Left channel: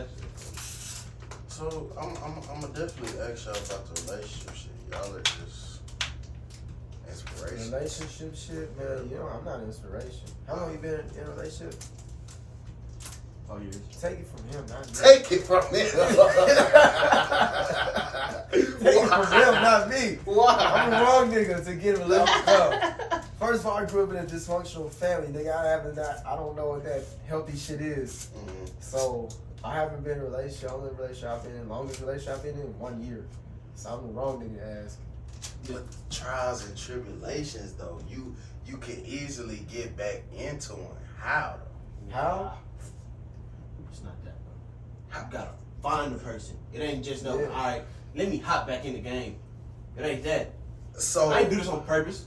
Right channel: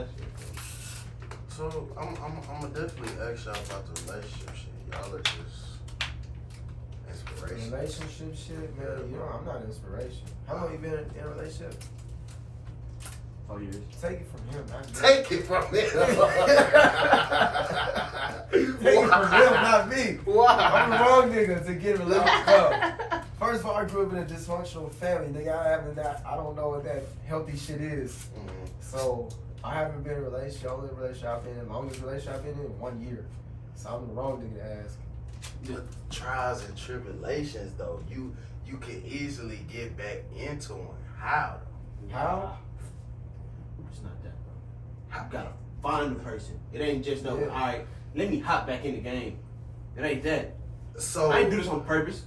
that shit. So I'm gonna definitely ask y'all about the relationship shit. Y'all are just inspiration. Relationship shit, man. I'm not inspiration. How long you been in a relationship? 4 years. Take it from him, not me. Take it from him. Take it from him, not me. Why? I'm the wrong nigga to get a relationship. No. First of all, I grew up in a dysfunctional family. Nigga, I don't know what that healthy shit is. Mm-hmm. So I haven't been in a relationship. Only relationship I've been in, longest relationship I've been in 1 year. So I'm the wrong nigga to ask. But trials and tribulations, though, you can easily get back into one. How? How? It's not that, bro. I gotta find the person. It ain't just no, Yeah. all right, let me hop back in the game. It ain't that. So I ain't do this on purpose.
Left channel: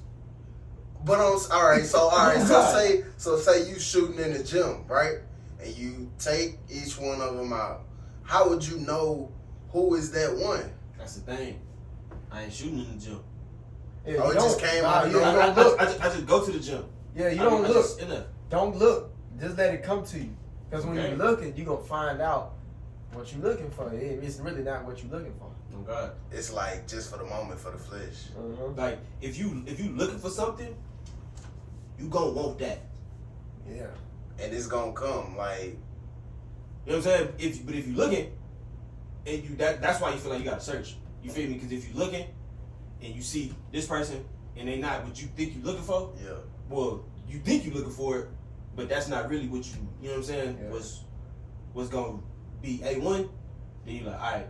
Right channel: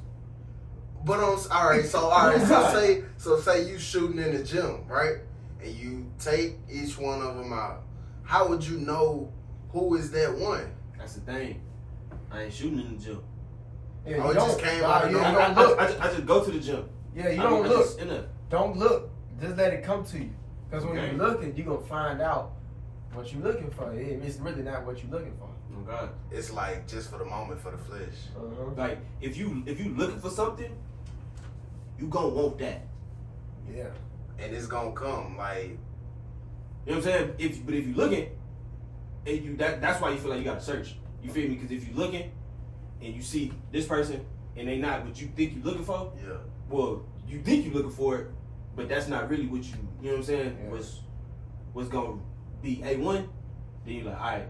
But all right. So say you shooting in the gym, right? And you take each one of them out. How would you know who is that one? That's the thing. I ain't shooting in the gym. Yeah, Oh, you it just came out. you I don't look. I just go to the gym. Yeah, you don't look. Enough. Don't look. Just let it come to you. Because when Okay. you're looking, you're going to find out what you're looking for. It's really not what you're looking for. Oh God. It's like just for the moment, for the flesh. Uh-huh. Like if you looking for something, you gonna want that. Yeah. And it's gonna come. Like, You know what I'm saying? If you looking, and that's why you feel like you gotta search. You feel me? Because if you looking and you see this person and they not what you think you looking for, yeah. well, you think you looking for it, but that's not really what you know what I'm saying? Yeah. What's gonna be A1, then you're like, all right,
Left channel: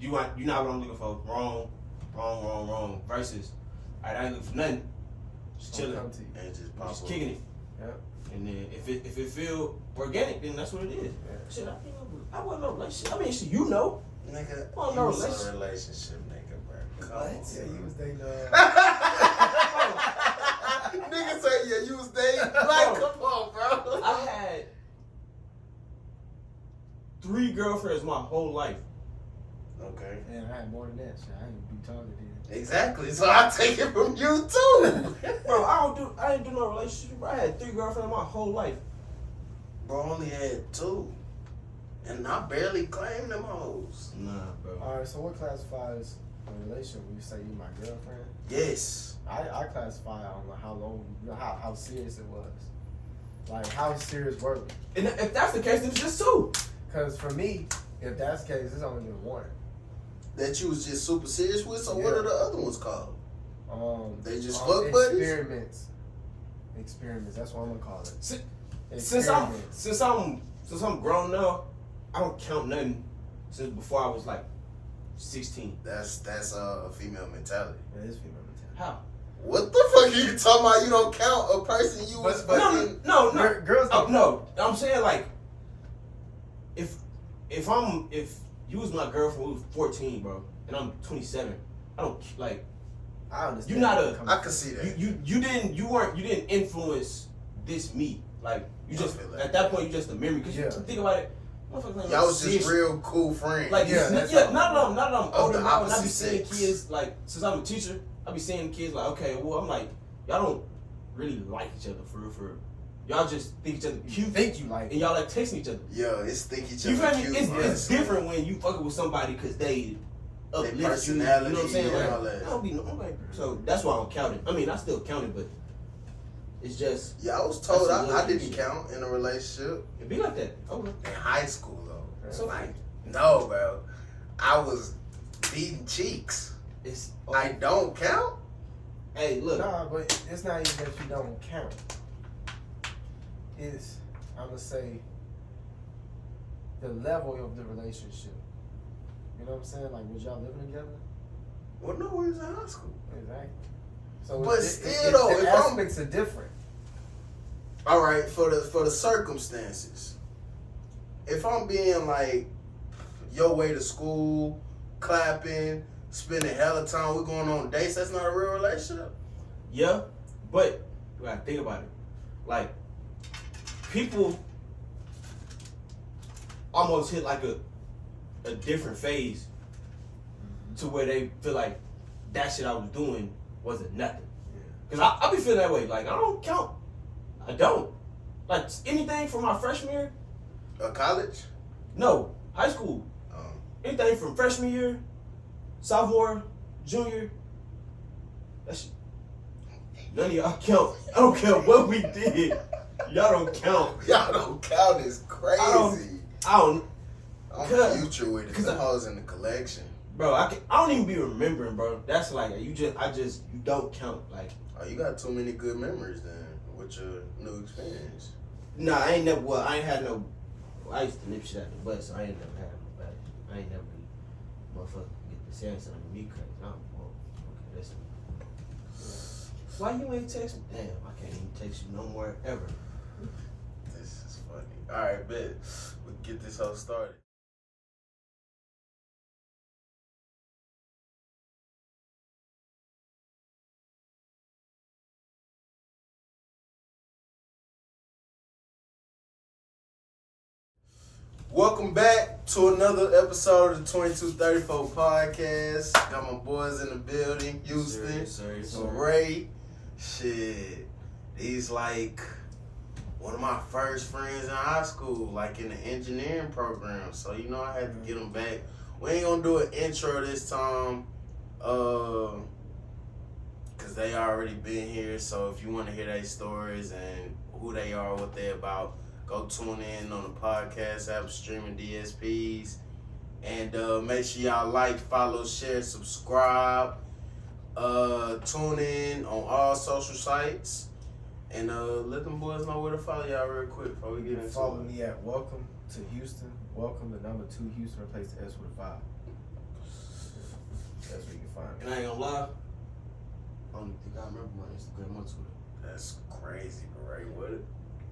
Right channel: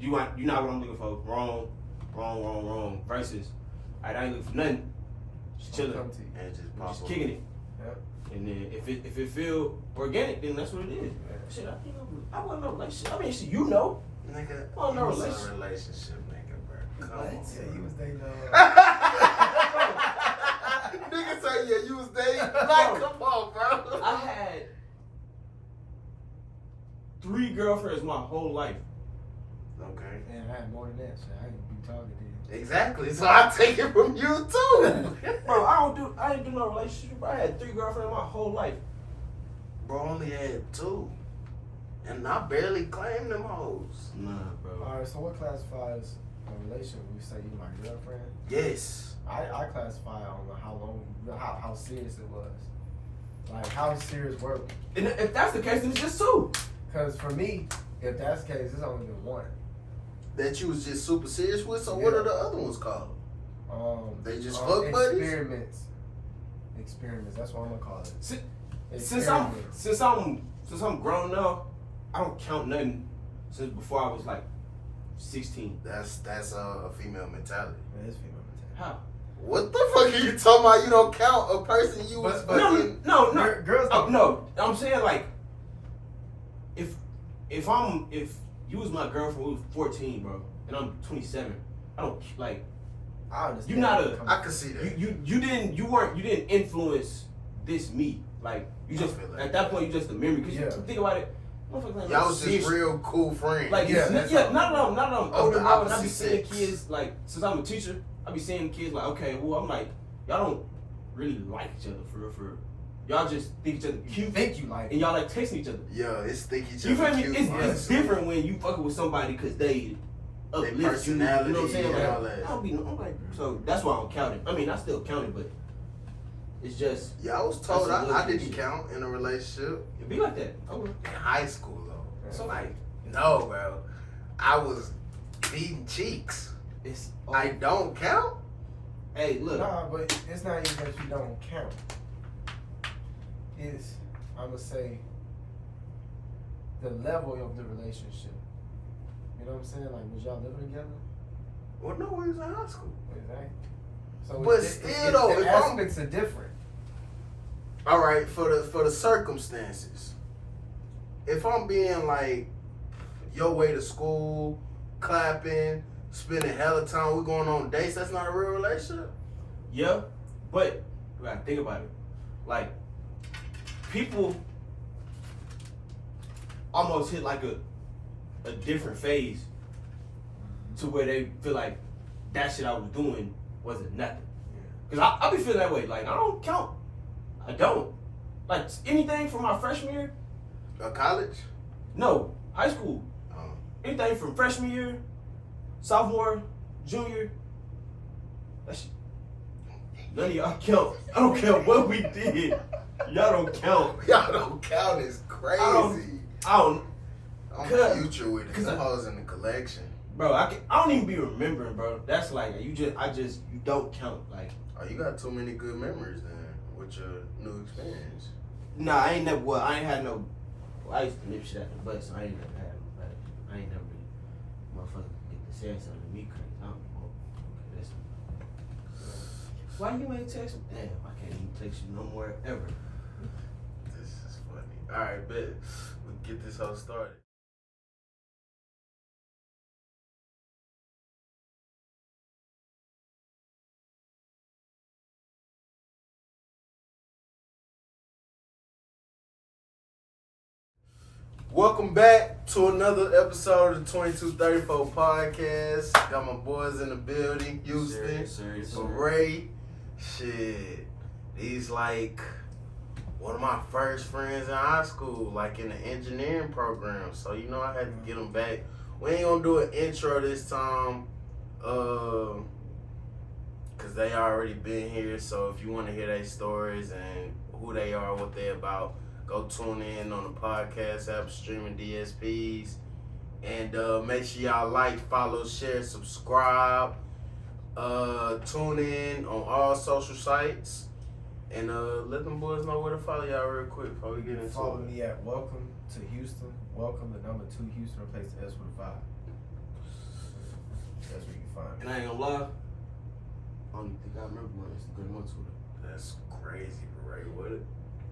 you not what I'm looking for. Wrong. Versus, all right, I ain't looking for nothing. Just chilling, Come to you. And just pop just up. kicking it. Yep. And then if it feel organic, then that's what it is. Yeah. Shit, I wasn't no relationship. I mean, shit, you know. Nigga, Oh, no you was in a relationship. relationship, nigga, bro. Come on. Yeah, you was dating. Nigga say, yeah, you was dating. Like, Bro. come on, bro. I had 3 girlfriends my whole life. Okay. Yeah, I had more than that. Shit, I ain't be talking to you. Exactly. So I take it from you too. Bro, I ain't do no relationship. Bro. I had 3 girlfriends my whole life. Bro, I only had 2. And I barely claimed them hoes. Nah, bro. All right, so what classifies a relationship when you say you my girlfriend? Yes. I classify on how long, how serious it was. Like, how serious were we? And if that's the case, then it's just 2. Because for me, if that's the case, it's only been one. That you was just super serious with? So Yeah. what are the other ones called? They just fuck buddies? Experiments. That's what I'm gonna call it. Since I'm grown now, I don't count nothing since before I was like 16. That's a female mentality. It is female mentality. How? What the fuck are you talking about? You don't count a person you was But- fucking. No. Girls Oh, don't. no, I'm saying like, if you was my girlfriend when we was 14, bro, and I'm 27, I don't like. I understand. You're not a- I can see that. You didn't influence this me. Like you just I feel that. at that point you just a memory because Yeah. you think about it. Motherfuckers ain't Y'all no was serious- just real cool friends. Like Yeah, not that's that all. I'm Of older the now and I be opposite seeing sex. kids like since I'm a teacher, I be seeing kids like okay, well I'm like y'all don't really like each other for real. Y'all just think each other You cute think you like and y'all like texting each other. Yeah, it's thinking each You other feel me? cute, It's honestly. different when you fucking with somebody because they uplift you. You know personality what I'm saying? and Like, all that. I don't be. I'm like, so that's why I'm counting. I mean, I still counted, but it's just Yeah, I was told That's a I little didn't shit. count in a relationship it be like that. I would. in high school though. So like, No, bro. I was beating cheeks. it's. I don't count. Hey, look. Nah, but it's not even that you don't count. It's, I'm gonna say, the level of the relationship. You know what I'm saying? Like, was y'all living together? Well, no, we was in high school. Exactly. So But it's, still, though, the if I'm- aspects are different. All right, for the circumstances. If I'm being like your way to school, clapping, spending hella time, we going on dates, that's not a real relationship. Yeah, but you gotta think about it. Like, people almost hit like a different phase to where they feel like that shit I was doing wasn't nothing. Cause I be feeling that way. Like I don't count. I don't. Like anything from my freshman year College? No, high school. Anything from freshman year, sophomore, junior. That shit. None of y'all count. I don't care what we did. Y'all don't count. Y'all don't count. It's crazy. I don't. I'm future with it. Them hoes in the collection. Bro, I don't even be remembering, bro. That's like you don't count. Like, oh, you got too many good memories then with your new experience. Nah, I ain't had no. Well, I used to nip shit at the butt, so I ain't never had no bad. I ain't never really motherfucker get to saying something to me crazy. Okay, listen. Why you ain't text me? Damn, I can't even text you no more ever. This is funny. All right, bet. We'll get this whole started. Welcome back to another episode of the 2234 podcast. Got my boys in the building, Houston, Sir. Ray. Shit, he's like one of my first friends in high school, like in the engineering program. So you know I had to get him back. We ain't gonna do an intro this time, cause they already been here. So if you want to hear their stories and who they are, what they about, go tune in on the podcast app, streaming DSPs. And make sure y'all like, follow, share, subscribe. Tune in on all social sites. And let them boys know where to follow y'all real quick before we get into it. Follow me at Welcome to Houston. Welcome the number 2 Houston, replace the S with a 5. That's where you can find me. And I ain't gonna lie, I don't even think I remember my Instagram on Twitter. That's crazy, Ray. What?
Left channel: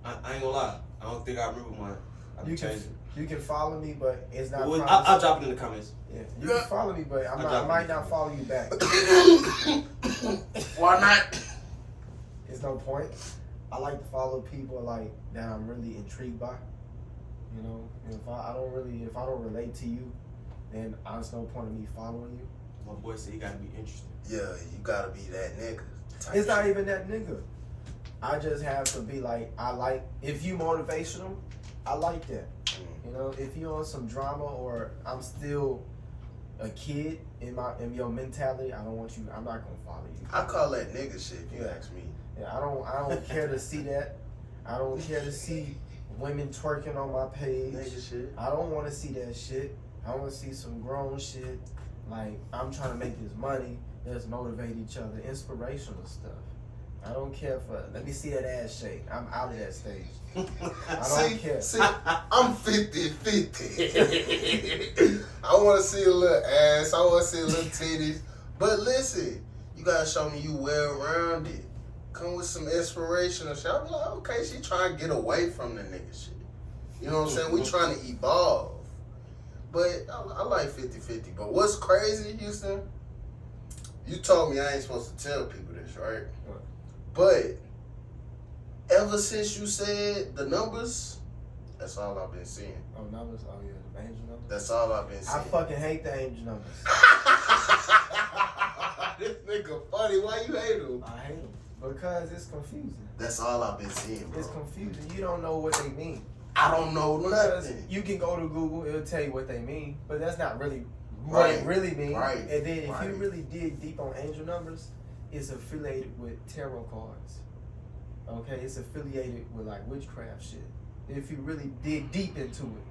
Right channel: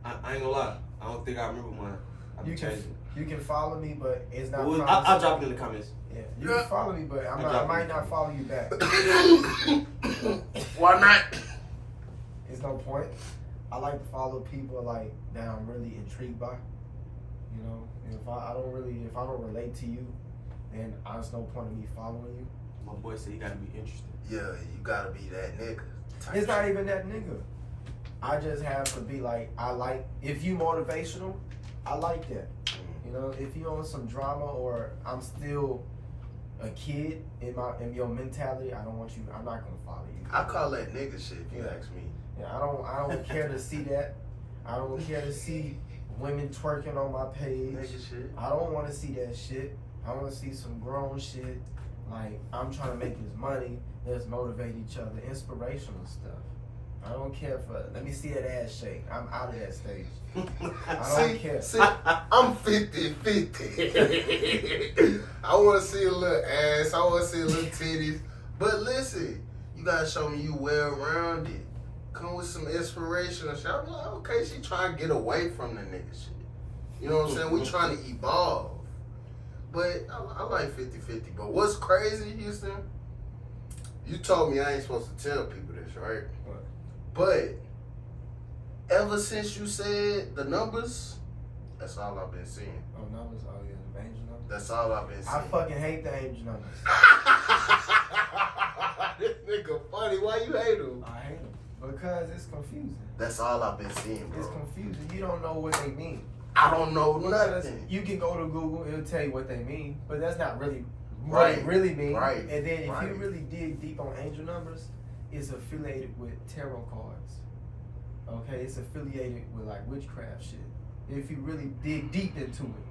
I ain't gonna lie, I don't think I remember mine. You can follow me, but it's not. I'll drop it in the comments. Yeah, you can follow me, but I might not follow you back. Why not? It's no point. I like to follow people like that I'm really intrigued by. You know, and if I don't relate to you, then there's no point in me following you. My boy said you gotta be interested. Yeah, you gotta be that nigga. It's not even that nigga. I just have to be like, if you motivational, I like that. You know, if you on some drama or I'm still a kid in your mentality, I'm not gonna follow you. I call that nigga shit if you ask me. Yeah, I don't care to see that. I don't care to see women twerking on my page. Nigga shit. I don't want to see that shit. I want to see some grown shit. Like, I'm trying to make this money. Let's motivate each other. Inspirational stuff. I don't care for, let me see that ass shake. I'm out of that stage. I don't care. See, I'm 50-50. I want to see a little ass. I want to see a little titties. But listen, you got to show me you well-rounded. Come with some inspirational shit. I'm like, okay, she trying to get away from the nigga shit. You know what I'm saying? We trying to evolve. But I like 50-50. But what's crazy, Houston? You told me I ain't supposed to tell people this, right? But ever since you said the numbers, that's all I've been seeing. Oh, numbers? Oh, yeah, the angel numbers? That's all I've been seeing. I fucking hate the angel numbers. This nigga funny. Why you hate him? I hate them because it's confusing. That's all I've been seeing, bro. It's confusing. You don't know what they mean. I don't know Because nothing. you can go to Google, it'll tell you what they mean, but that's not really what it really means. Right. And then if you really dig deep on angel numbers, it's affiliated with tarot cards. Okay, it's affiliated with like witchcraft shit. If you really dig deep into it.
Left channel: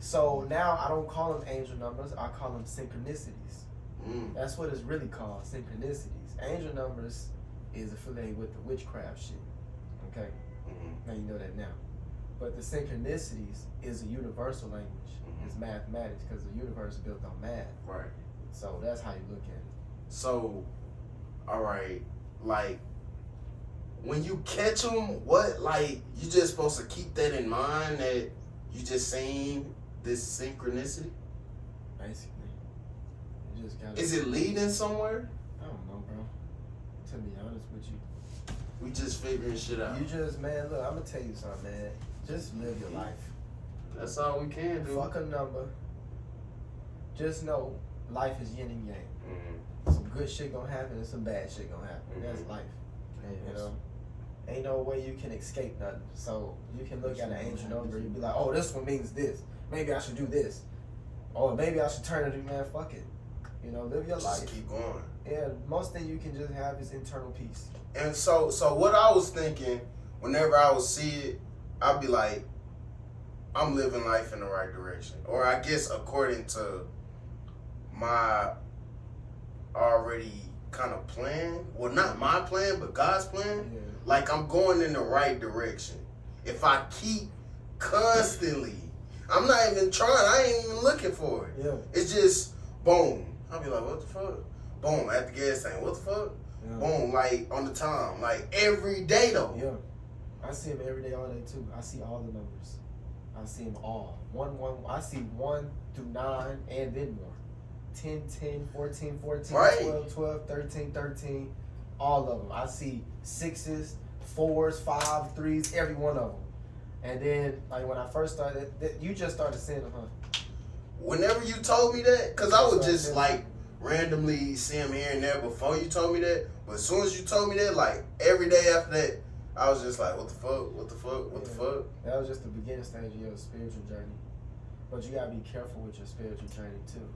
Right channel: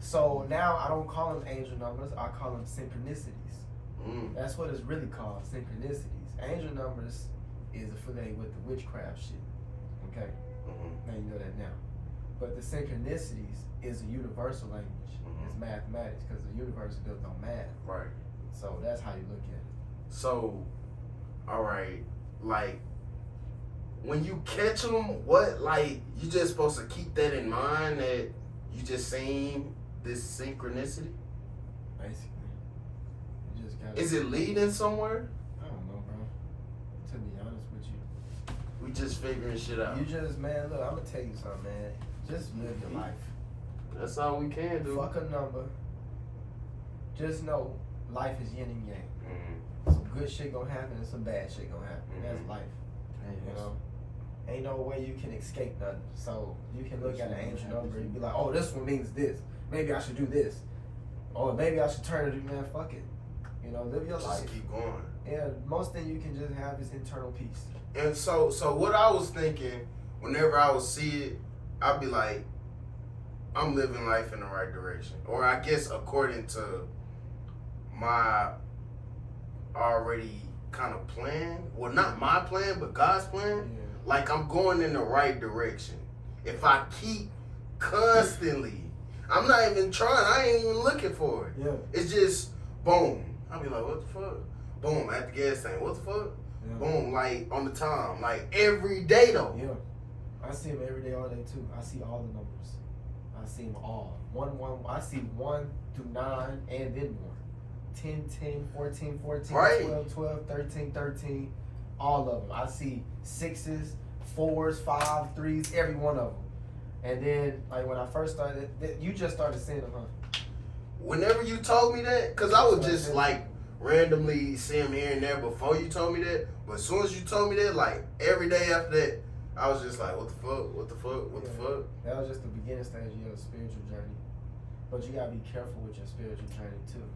So now I don't call them angel numbers, I call them synchronicities. That's what it's really called, synchronicities. Angel numbers is affiliated with the witchcraft shit. Okay? Now you know that now. But the synchronicities is a universal language. It's mathematics because the universe is built on math. Right. So that's how you look at it. So, all right, like, when you catch them, what, like, you just supposed to keep that in mind that you just seen this synchronicity? Basically. You just gotta... Is it leading somewhere? I don't know, bro. To be honest with you. We just figuring shit out. You just, man, look, I'm going to tell you something, man. Just live your life. That's all we can do. Fuck a number. Just know life is yin and yang. Some good shit gonna happen and some bad shit gonna happen. That's life. You know? ain't no way you can escape nothing. So you can look at an angel number and be like, oh, this one means this. Maybe I should do this. Or maybe I should turn it, man, fuck it. You know, live your life. Just keep going. Yeah, most thing you can just have is internal peace. And so what I was thinking, whenever I would see it, I'd be like, I'm living life in the right direction. Or I guess according to my already kind of plan. Well, not my plan, but God's plan. Yeah. Like I'm going in the right direction. If I keep constantly, I'm not even trying, I ain't even looking for it. Yeah. It's just, boom. I'll be like, what the fuck? Boom, at the gas tank, what the fuck? Yeah. Boom, like on the time, like every day though. Yeah. I see them every day, all day too. I see all the numbers. I see them all. I see 1 through 9 and then more. 10, 10, 14, 14, Right. 12, 12, 13, 13. All of them. I see 6s, 4s, 5s, 3s, every one of them. And then, like when I first started, you just started seeing them, huh? Whenever you told me that, because I would just like randomly see him here and there before you told me that. But as soon as you told me that, like every day after that, I was just like, what the fuck? What the fuck? What the fuck? That was just the beginning stage of your spiritual journey. But you gotta be careful with your spiritual journey too.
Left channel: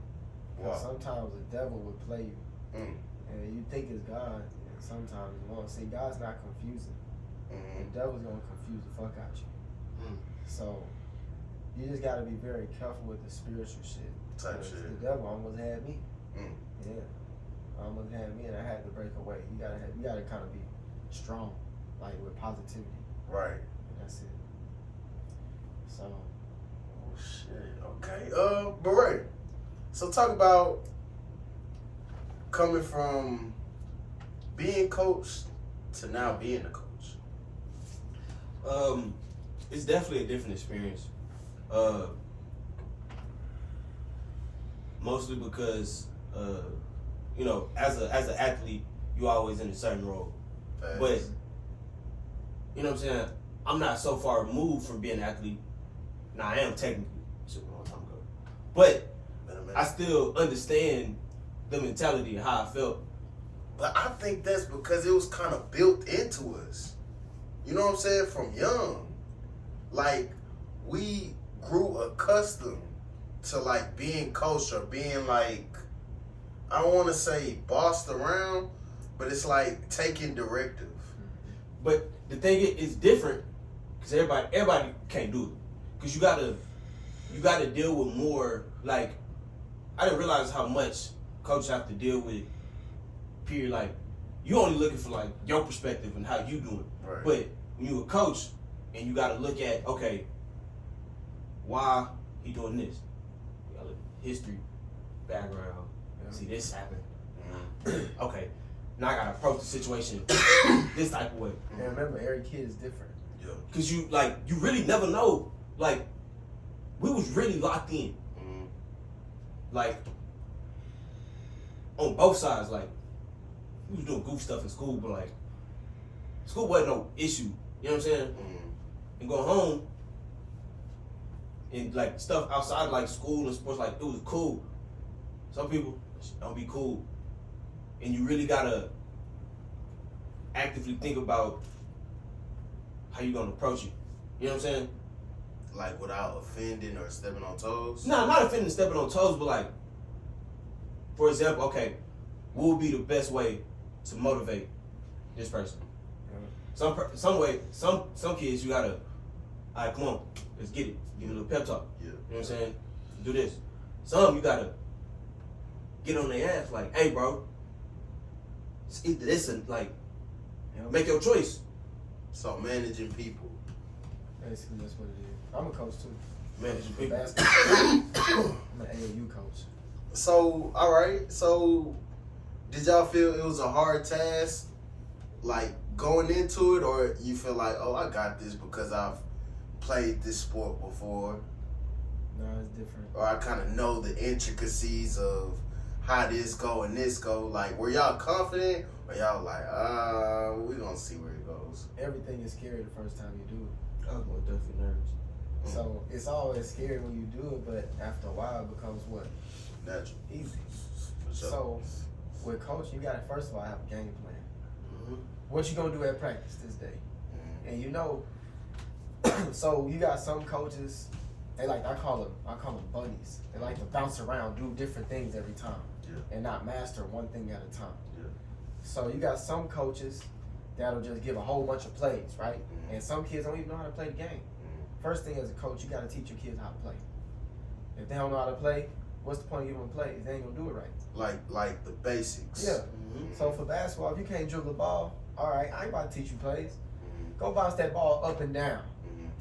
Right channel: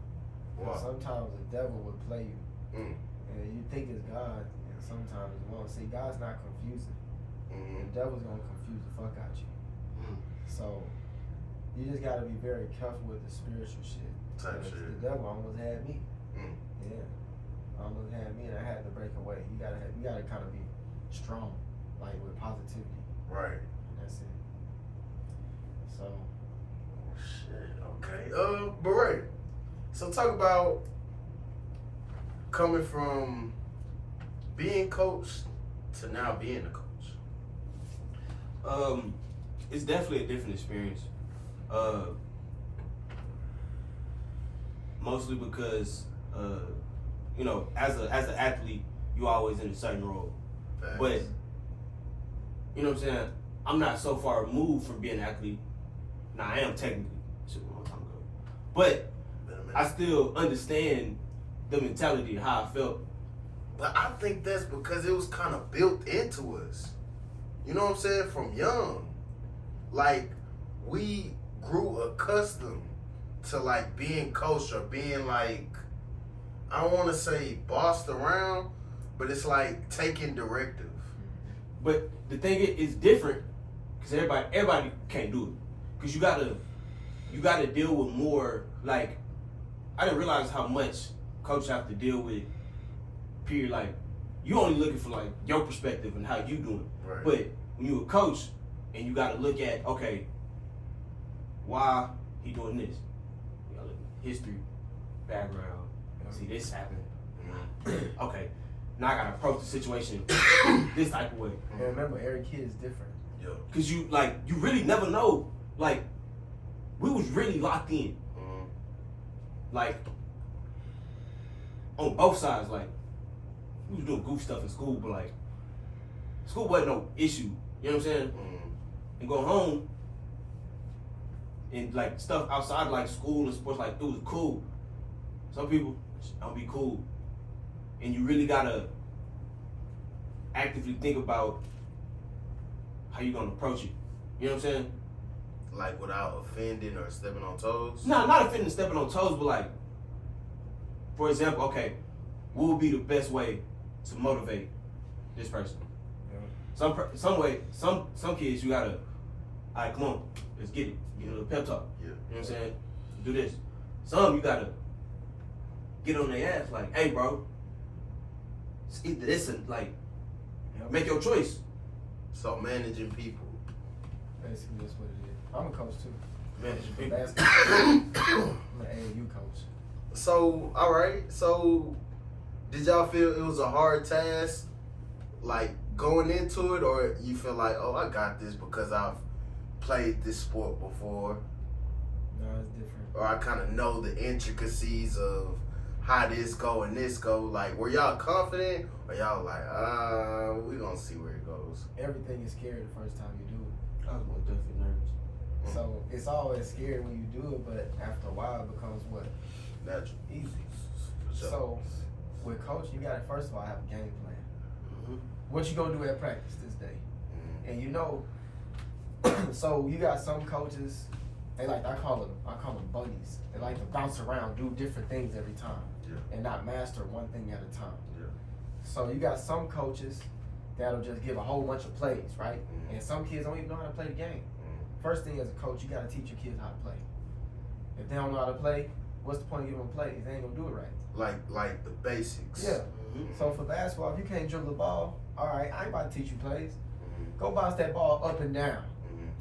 Wow. Sometimes the devil will play you. And you think it's God, and sometimes it won't. See, God's not confusing. The devil's gonna confuse the fuck out you. So you just gotta be very careful with the spiritual shit. Type shit. The devil almost had me. Mm. Yeah, almost had me, and I had to break away. You gotta kind of be strong, like with positivity. Right. And that's it. So. Oh shit. Okay. But right. So talk about coming from being coached to now being a coach. It's definitely a different experience. Mostly because you know, as an athlete, you always in a certain role. Thanks. But you know what I'm saying? I'm not so far removed from being an athlete. Now I am technically, shit, a long time ago. But I still understand the mentality of how I felt. But I think that's because it was kind of built into us. You know what I'm saying? From young. Like, we grew accustomed to, like, being coached or being, like, I don't want to say bossed around, but it's like taking directive. But the thing is different because everybody can't do it. Because you gotta deal with more, like, I didn't realize how much coaches have to deal with, period. Like, you only looking for, like, your perspective and how you doing. Right. But when you a coach and you gotta look at, okay, why he doing this? You gotta look at history, background, see this happen. Okay, now I gotta approach the situation this type of way. And remember, every kid is different. Yeah. Cause you really never know. Like, we was really locked in. Like, on both sides, like, we was doing goof stuff in school, but like, school wasn't no issue. You know what I'm saying? And go home and like stuff outside like school and sports, like it was cool. Some people don't be cool. And you really gotta actively think about how you gonna approach it. You know what I'm saying? Like without offending or stepping on toes? No, not offending, stepping on toes, but like, for example, okay, what would be the best way to motivate this person? Some kids you gotta, all right, come on, let's get it. Give me a little pep talk. Yeah. You know what I'm saying? Do this. Some you gotta get on their ass like, hey bro, it's either this and like, make your choice. So managing people. Basically, that's what it is. I'm a coach too. Managing people. Basketball. I'm an AAU coach. So, all right. So, did y'all feel it was a hard task, like going into it, or you feel like, oh, I got this because I've played this sport before, No, it's different. or I kind of know the intricacies of how this go and this go? Like, were y'all confident, or y'all like, we gonna see where it goes? Everything is scary the first time you do it. I was most definitely nervous. So it's always scary when you do it, but after a while it becomes what? Natural. Easy. So with coaching, you gotta first of all have a game plan. What you gonna do at practice this day? And you know, so you got some coaches, they like, I call them bunnies. They like to bounce around, do different things every time, and not master one thing at a time. So you got some coaches that'll just give a whole bunch of plays, right? And some kids don't even know how to play the game. First thing as a coach, you got to teach your kids how to play. If they don't know how to play, what's the point of giving them plays? They ain't gonna do it right. Like the basics. Yeah. So for basketball, if you can't dribble the ball, all right, I ain't about to teach you plays. Go bounce that ball up and down.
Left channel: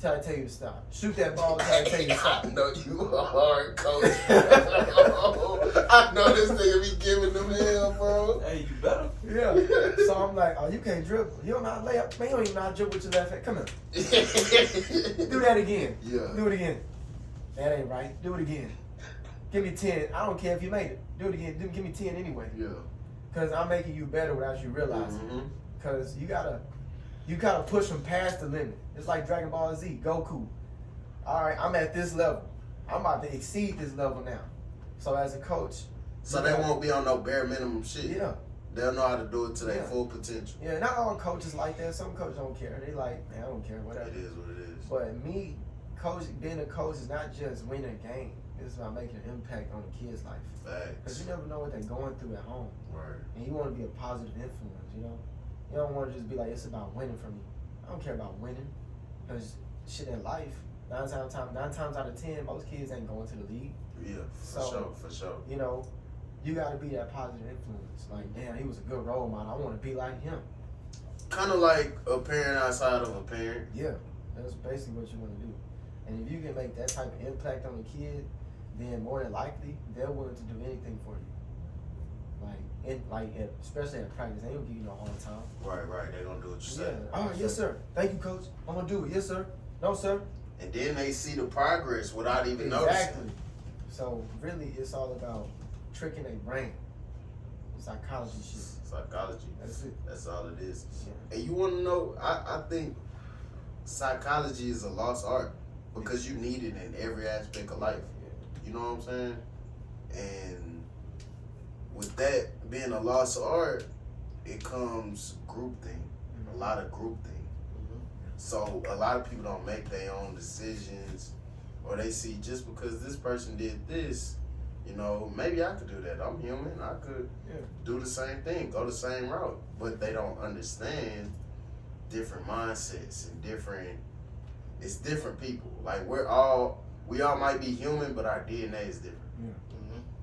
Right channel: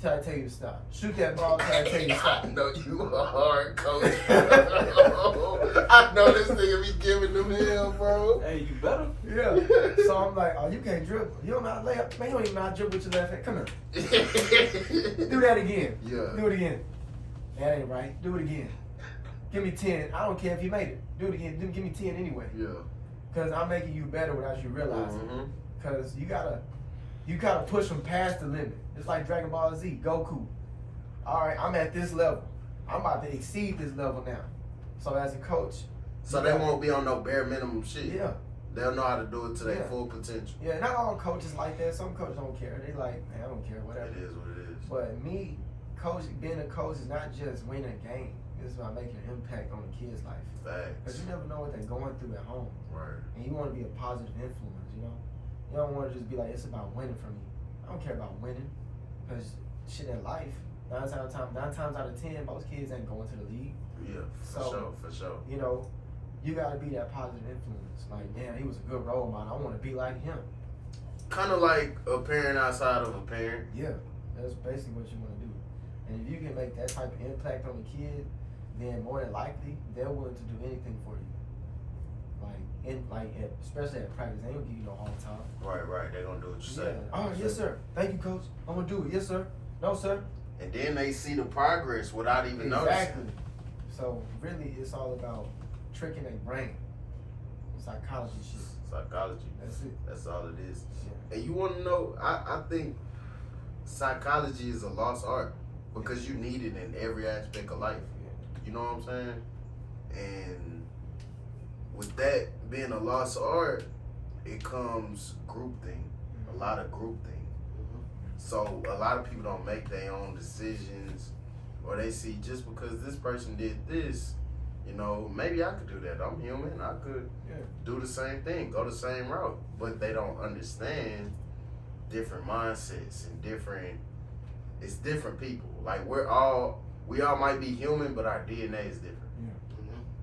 Till I tell you to stop. Shoot that ball till I tell you to stop. I know you a hard coach. I know this nigga be giving them hell, bro. Hey, you better. Yeah. So I'm like, oh, you can't dribble. You don't know how to lay up. Man, you don't even know how to dribble with your left hand. Come on. Do that again. Yeah. Do it again. That ain't right. Do it again. Give me 10. I don't care if you made it. Do it again. Give me 10 anyway. Yeah. Because I'm making you better without you realizing. Because you gotta push them past the limit. It's like Dragon Ball Z, Goku. All right, I'm at this level. I'm about to exceed this level now. So as a coach, so they won't be on no bare minimum shit. Yeah. They'll know how to do it to their full potential. Yeah, not all coaches like that. Some coaches don't care. They like, man, I don't care, whatever. It is what it is. But me, being a coach is not just winning a game. It's about making an impact on the kid's life. Facts. Because you never know what they're going through at home. Right. And you want to be a positive influence, you know? You don't want to just be like, it's about winning for me. I don't care about winning. Because shit in life, 9 times out of 10, most kids ain't going to the league. Yeah, for sure. You know, you got to be that positive influence. Like, damn, he was a good role model. I want to be like him. Kind of like a parent outside of a parent. Yeah, that's basically what you want to do. And if you can make that type of impact on the kid, then more than likely, they're willing to do anything for you. Especially at practice, they don't give you no hard time. Right. They're gonna do what you say. Oh, yes, sir. Thank you, coach. I'm gonna do it. Yes, sir. No, sir. And then they see the progress without even noticing. Exactly. So really, it's all about tricking their brain. Psychology shit. Psychology. That's it. That's all it is. Yeah. And you want to know? I think psychology is a lost art because you need it in every aspect of life. You know what I'm saying? And with that being a lost art, it comes groupthink, a lot of groupthink. So a lot of people don't make their own decisions, or they see just because this person did this, you know, maybe I could do that. I'm human. I could do the same thing, go the same route. But they don't understand different mindsets and it's different people. Like we all might be human, but our DNA is different.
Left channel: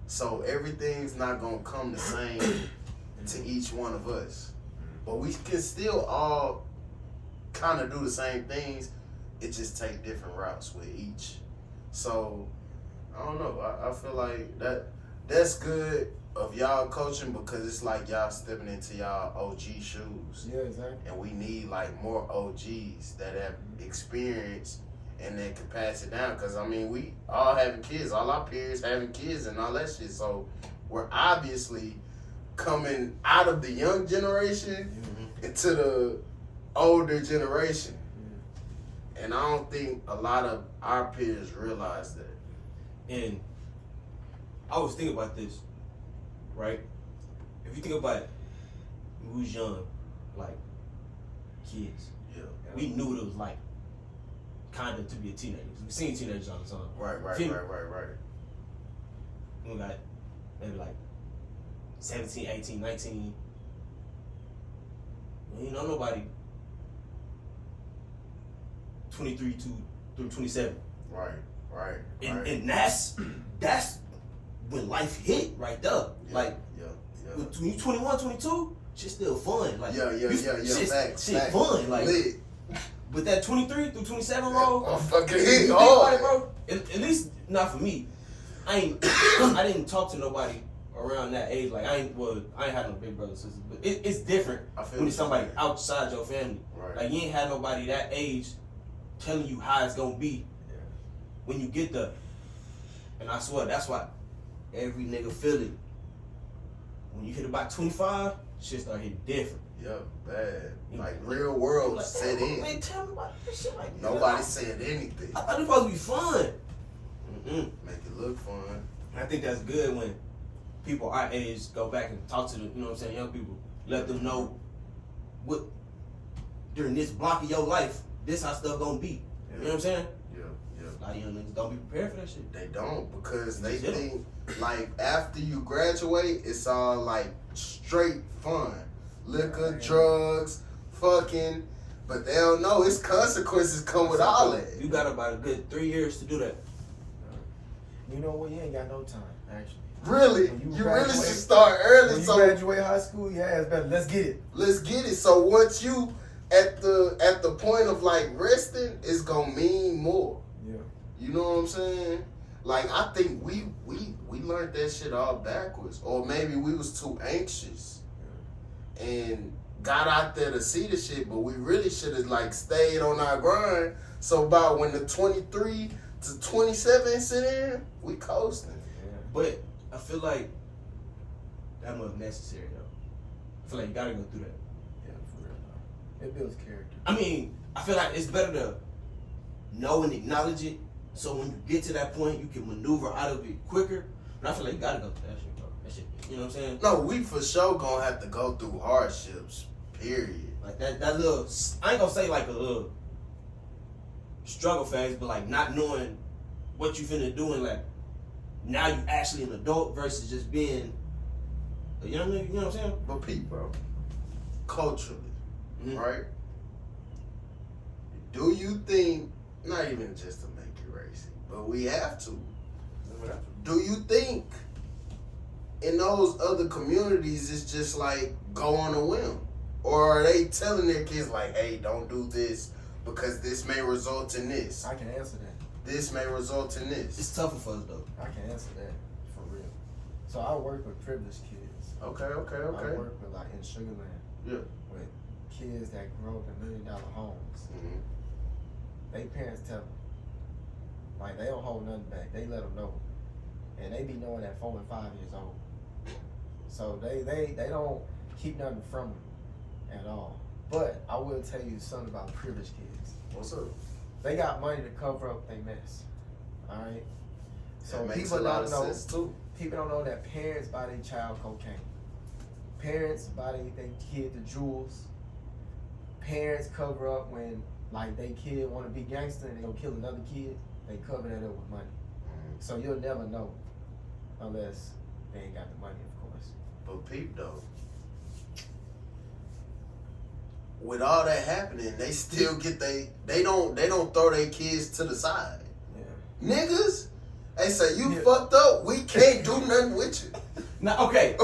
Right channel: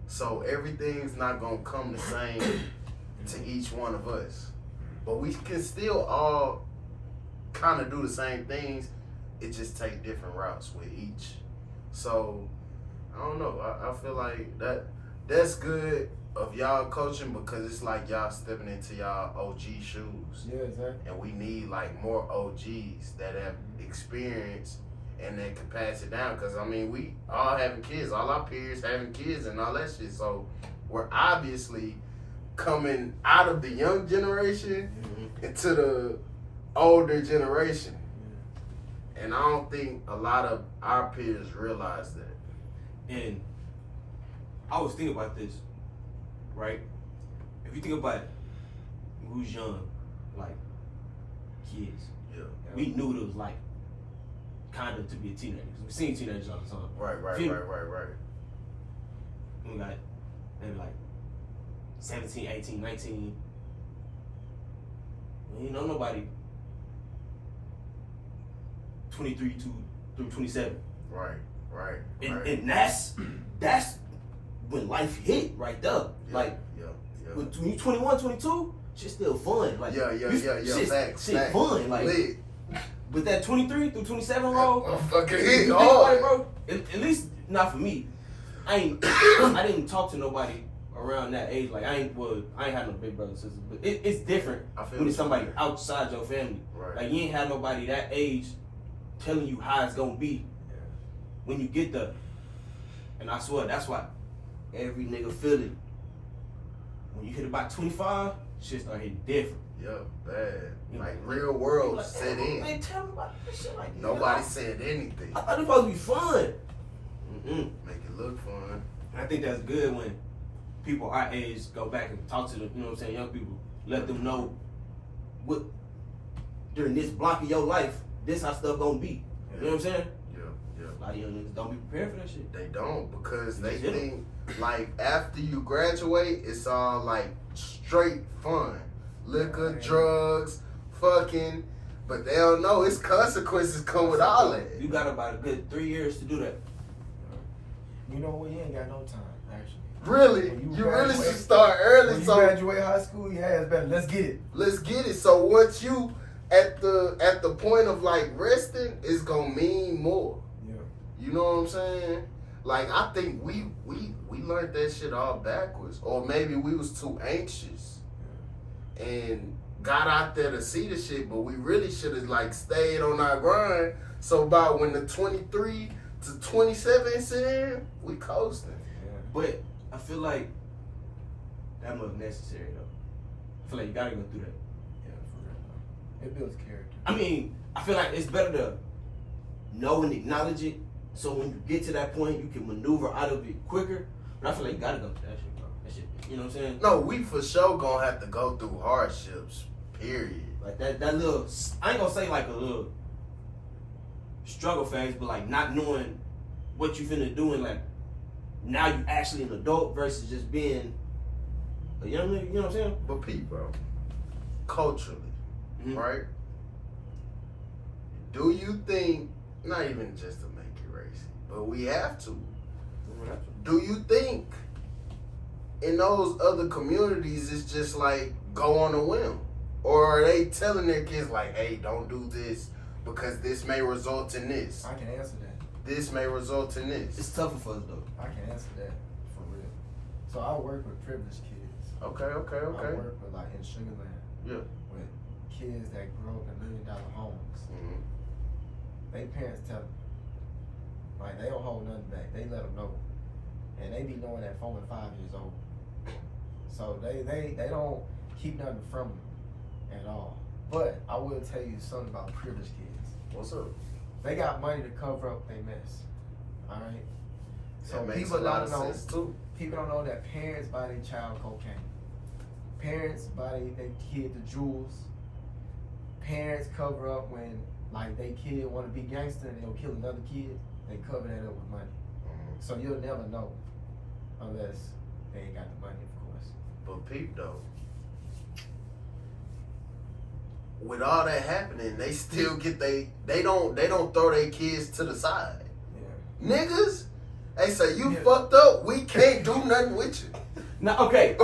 So everything's not gonna come the same to each one of us. But we can still all kind of do the same things. It just take different routes with each. So I don't know. I feel like that's good of y'all coaching because it's like y'all stepping into y'all OG shoes. Yeah, exactly. And we need like more OGs that have experience and that can pass it down. Because, I mean, we all having kids. All our peers having kids and all that shit. So we're obviously coming out of the young generation into the older generation. And I don't think a lot of our peers realize that. And I was thinking about this, right? If you think about it, we was young, like kids. Yeah. We knew what it was like, kind of, to be a teenager. We seen teenagers all the time. Right. We got maybe like 17, 18, 19. We ain't know nobody 23 through 27. Right. And that's when life hit right there. Like, when you 21, 22, shit's still fun. Like, Facts. Fun. Like, lit. But that 23 through 27 roll, I'm fucking you hit think about it, hard. bro. At least not for me. I didn't talk to nobody around that age. Like I ain't had no big brothers and sisters, but it's different when it's somebody outside your family. Right. Like you ain't had nobody that age telling you how it's gonna be when you get there. And I swear that's why every nigga feel it. When you hit about 25, shit start hitting different. Yup, bad. Like real world like, set in. Man, tell me about this shit. Like Nobody said anything. I thought it was supposed to be fun. Make it look fun. I think that's good when people our age go back and talk to the, you know what I'm saying, young people. Let them know what during this block of your life, this how stuff gonna be. Yeah. You know what I'm saying? Yeah. A lot of young niggas don't be prepared for that shit. They don't, because You they just hit 'em. think like after you graduate, it's all like straight fun, liquor, Right. drugs, fucking. But they don't know it's consequences come with all that. You got about a good 3 years to do that. You know what? You ain't got no time, actually. Really, When you really should graduate- start early. When you So graduate high school, yeah, it's better. Let's get it. let's get it. So once you at the point of like resting, it's gonna mean more. Yeah. You know what I'm saying? Like I think we learned that shit all backwards, or maybe we was too anxious and got out there to see the shit, but we really should have like stayed on our grind. So about when the 23 to 27 sit in, we coasting. Yeah. But I feel like that was necessary though. I feel like you gotta go through that. Yeah, for real. Though. It builds character. I mean, I feel like it's better to know and acknowledge it, so when you get to that point, you can maneuver out of it quicker. But I feel like you gotta go through that shit, bro. That shit, you know what I'm saying? No, we for sure gonna have to go through hardships. Period. Like that little, I ain't gonna say like a little struggle phase, but like not knowing what you finna do, and like now you actually an adult versus just being a young nigga, you know what I'm saying? But Pete, bro, culturally, Mhm. right? Do you think, not even just to make it racy, but we have to, do you think in those other communities it's just like go on a whim? Or are they telling their kids like, hey, don't do this because this may result in this? I can answer that. This may result in this. It's tougher for us though. I can answer that for real. So I work with privileged kids. Okay. I work with like in Sugarland. Yeah. With kids that grew up in $1 million homes. Mm-hmm. They parents tell them. Like they don't hold nothing back. They let them know. And they be knowing at 4 and 5 years old. So they don't keep nothing from them at all. But I will tell you something about privileged kids. What's up? They got money to cover up their mess. Alright? So That makes people a lot don't of know. sense, too. People don't know that parents buy their child cocaine. Parents buy their kid the jewels. Parents cover up when like they kid want to be gangster and they gonna kill another kid. They cover that up with money. So you'll never know unless they ain't got the money, of course. But Pete, though, with all that happening, they still get they don't throw their kids to the side. Yeah. Niggas, they say you Yeah. fucked up. We can't do nothing with you. Now, okay,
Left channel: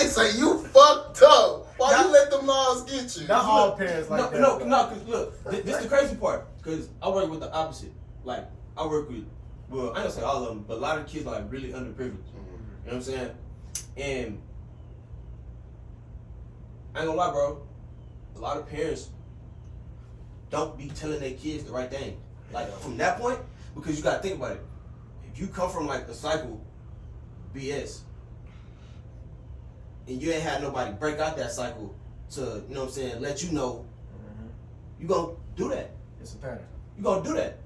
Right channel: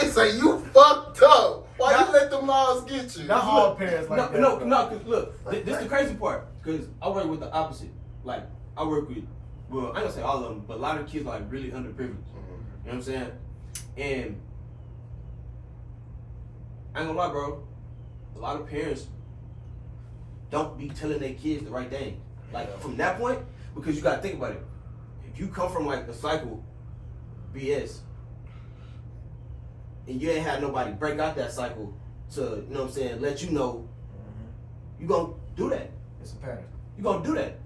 They say you fucked up. Why Not- you let them laws get you? Not all parents like that. no, though. cause look, this is the crazy part. Cause I work with the opposite. Like I work with, well, I ain't gonna say all of them, but a lot of the kids are like really underprivileged. You know what I'm saying? And I ain't gonna lie, bro. A lot of parents don't be telling their kids the right thing. Like from that point, because you gotta think about it. If you come from like a cycle BS, and you ain't had nobody break out that cycle to, you know what I'm saying, let you know, you gonna do that. It's a pattern. You gonna do that.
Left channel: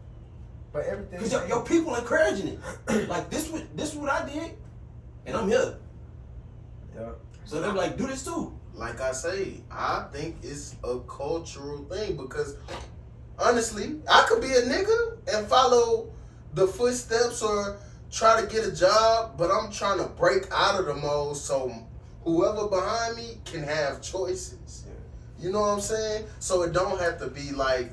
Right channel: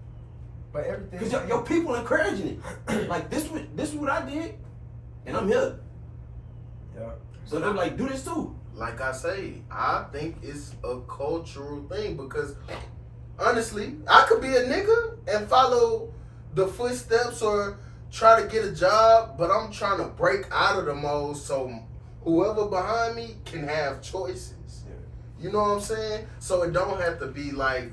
But everything. Cause your people encouraging it. Like this is what I did, and I'm here. Yeah. So they're like, do this too. Like I say, I think it's a cultural thing because honestly, I could be a nigga and follow the footsteps or try to get a job, but I'm trying to break out of the mold so whoever behind me can have choices. You know what I'm saying? So it don't have to be like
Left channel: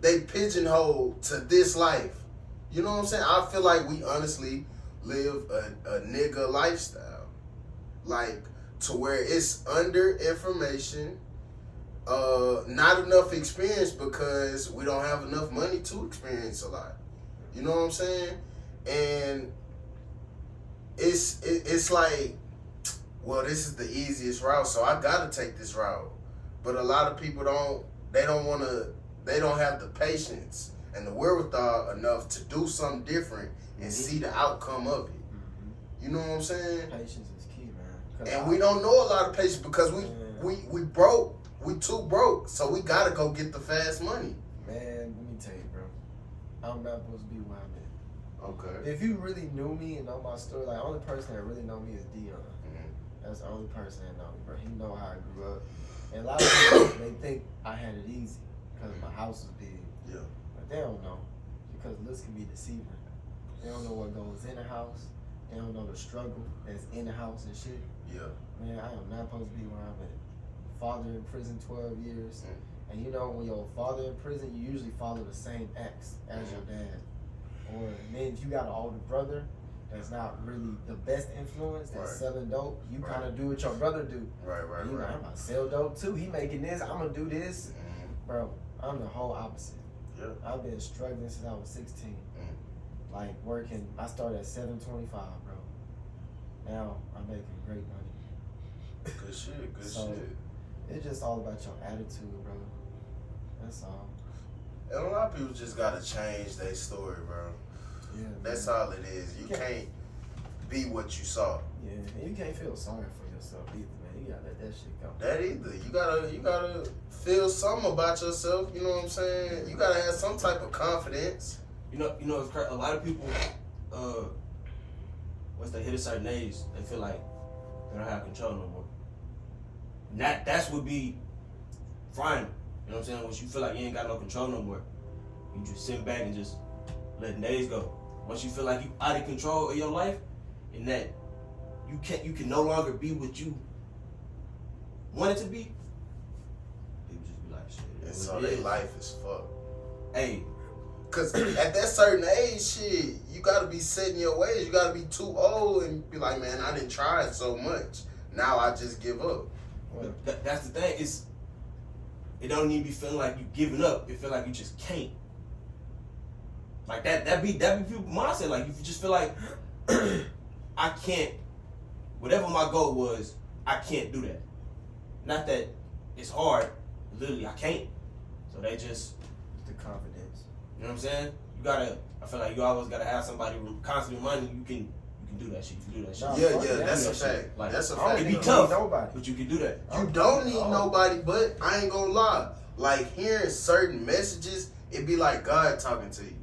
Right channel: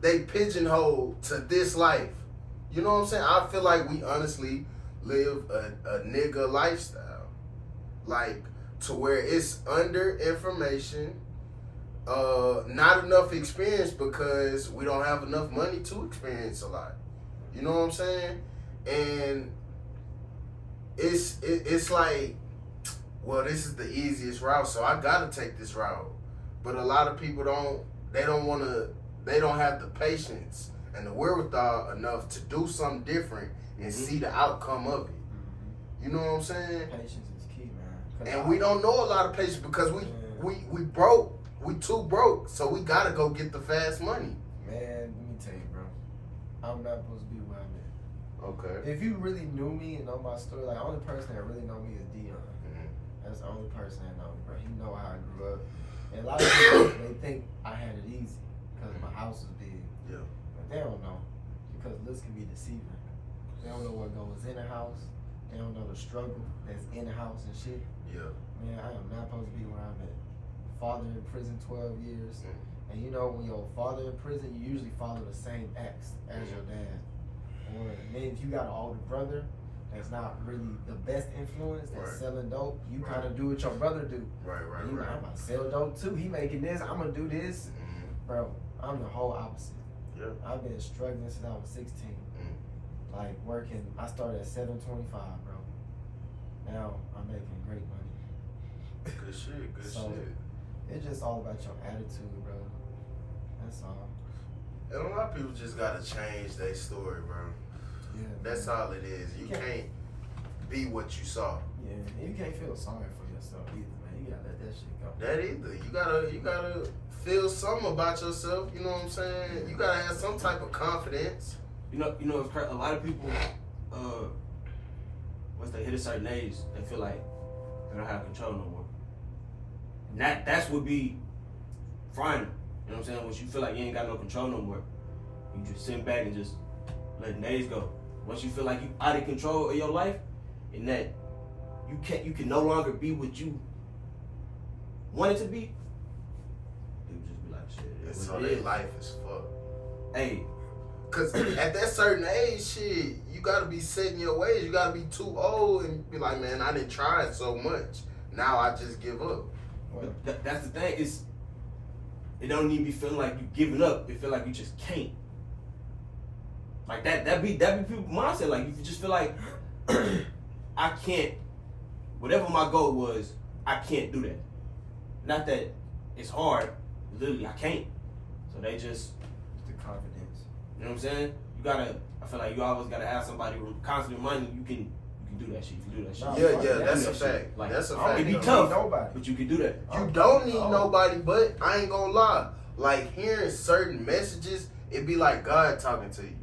they pigeonhole to this life. You know what I'm saying? I feel like we honestly live a nigga lifestyle. Like, to where it's under information, not enough experience because we don't have enough money to experience a lot. You know what I'm saying? And it's like, well, this is the easiest route, so I gotta take this route. But a lot of people they don't have the patience and the wherewithal enough to do something different and see the outcome of it. You know what I'm saying? Patience is key, man. And we don't know a lot of patience because we broke. We too broke, so we gotta go get the fast money. Man, let me tell you, bro. I'm not supposed to be where I'm at. Okay. If you really knew me and know my story, like the only person that really know me is Dion. Mm-hmm. That's the only person that know me, bro. He know how I grew up. And a lot of people, they think I had it easy because my house was big. Yeah. But they don't know, because looks can be deceiving. They don't know what goes in the house. They don't know the struggle that's in the house and shit. Yeah. Man, I am not supposed to be where I'm at. Father in prison 12 years. And you know, when your father in prison, you usually follow the same ex as your dad. Or and then if you got an older brother that's not really the best influence, that's selling dope, you kind of do what your brother do. Right. And you like, I'm about to sell dope too. He making this, I'm gonna do this. Bro, I'm the whole opposite. Yeah. I've been struggling since I was 16. Like working, I started at 7.25, bro. Now I'm making great money. Good shit. Good So, shit. It's just all about your attitude, bro. That's all. And a lot of people just gotta change their story, bro. Yeah. That's all it is. You can't be what you saw. Yeah, and you can't feel sorry for yourself either, man. You gotta let that shit go. That either. You gotta feel something about yourself. You know what I'm saying? You gotta have some type of confidence. You know, it's a lot of people, once they hit a certain age, they feel like they don't have control no more. And that's what be frightening. You know what I'm saying? Once you feel like you ain't got no control no more, you just sit back and just let days go. Once you feel like you out of control of your life, and that you can no longer be what you wanted to be, people just be like, shit. And so their life is fucked. Hey. Cause at that certain age, shit, you gotta be set in your ways. You gotta be too old and be like, man, I didn't try it so much. Now I just give up. That's the thing. It don't even be feeling like you giving up. It feel like you just can't. Like that be people mindset. Like you just feel like I can't. Whatever my goal was, I can't do that. Not that it's hard. Literally, I can't. So they just The confidence. You know what I'm saying? I feel like you always gotta have somebody who constantly reminding you can do that shit. You can do that shit. Yeah, that's a fact. Like, that's a fact. It be tough, but you can do that. You don't need nobody, but I ain't gonna lie. Like hearing certain messages, it be like God talking to you.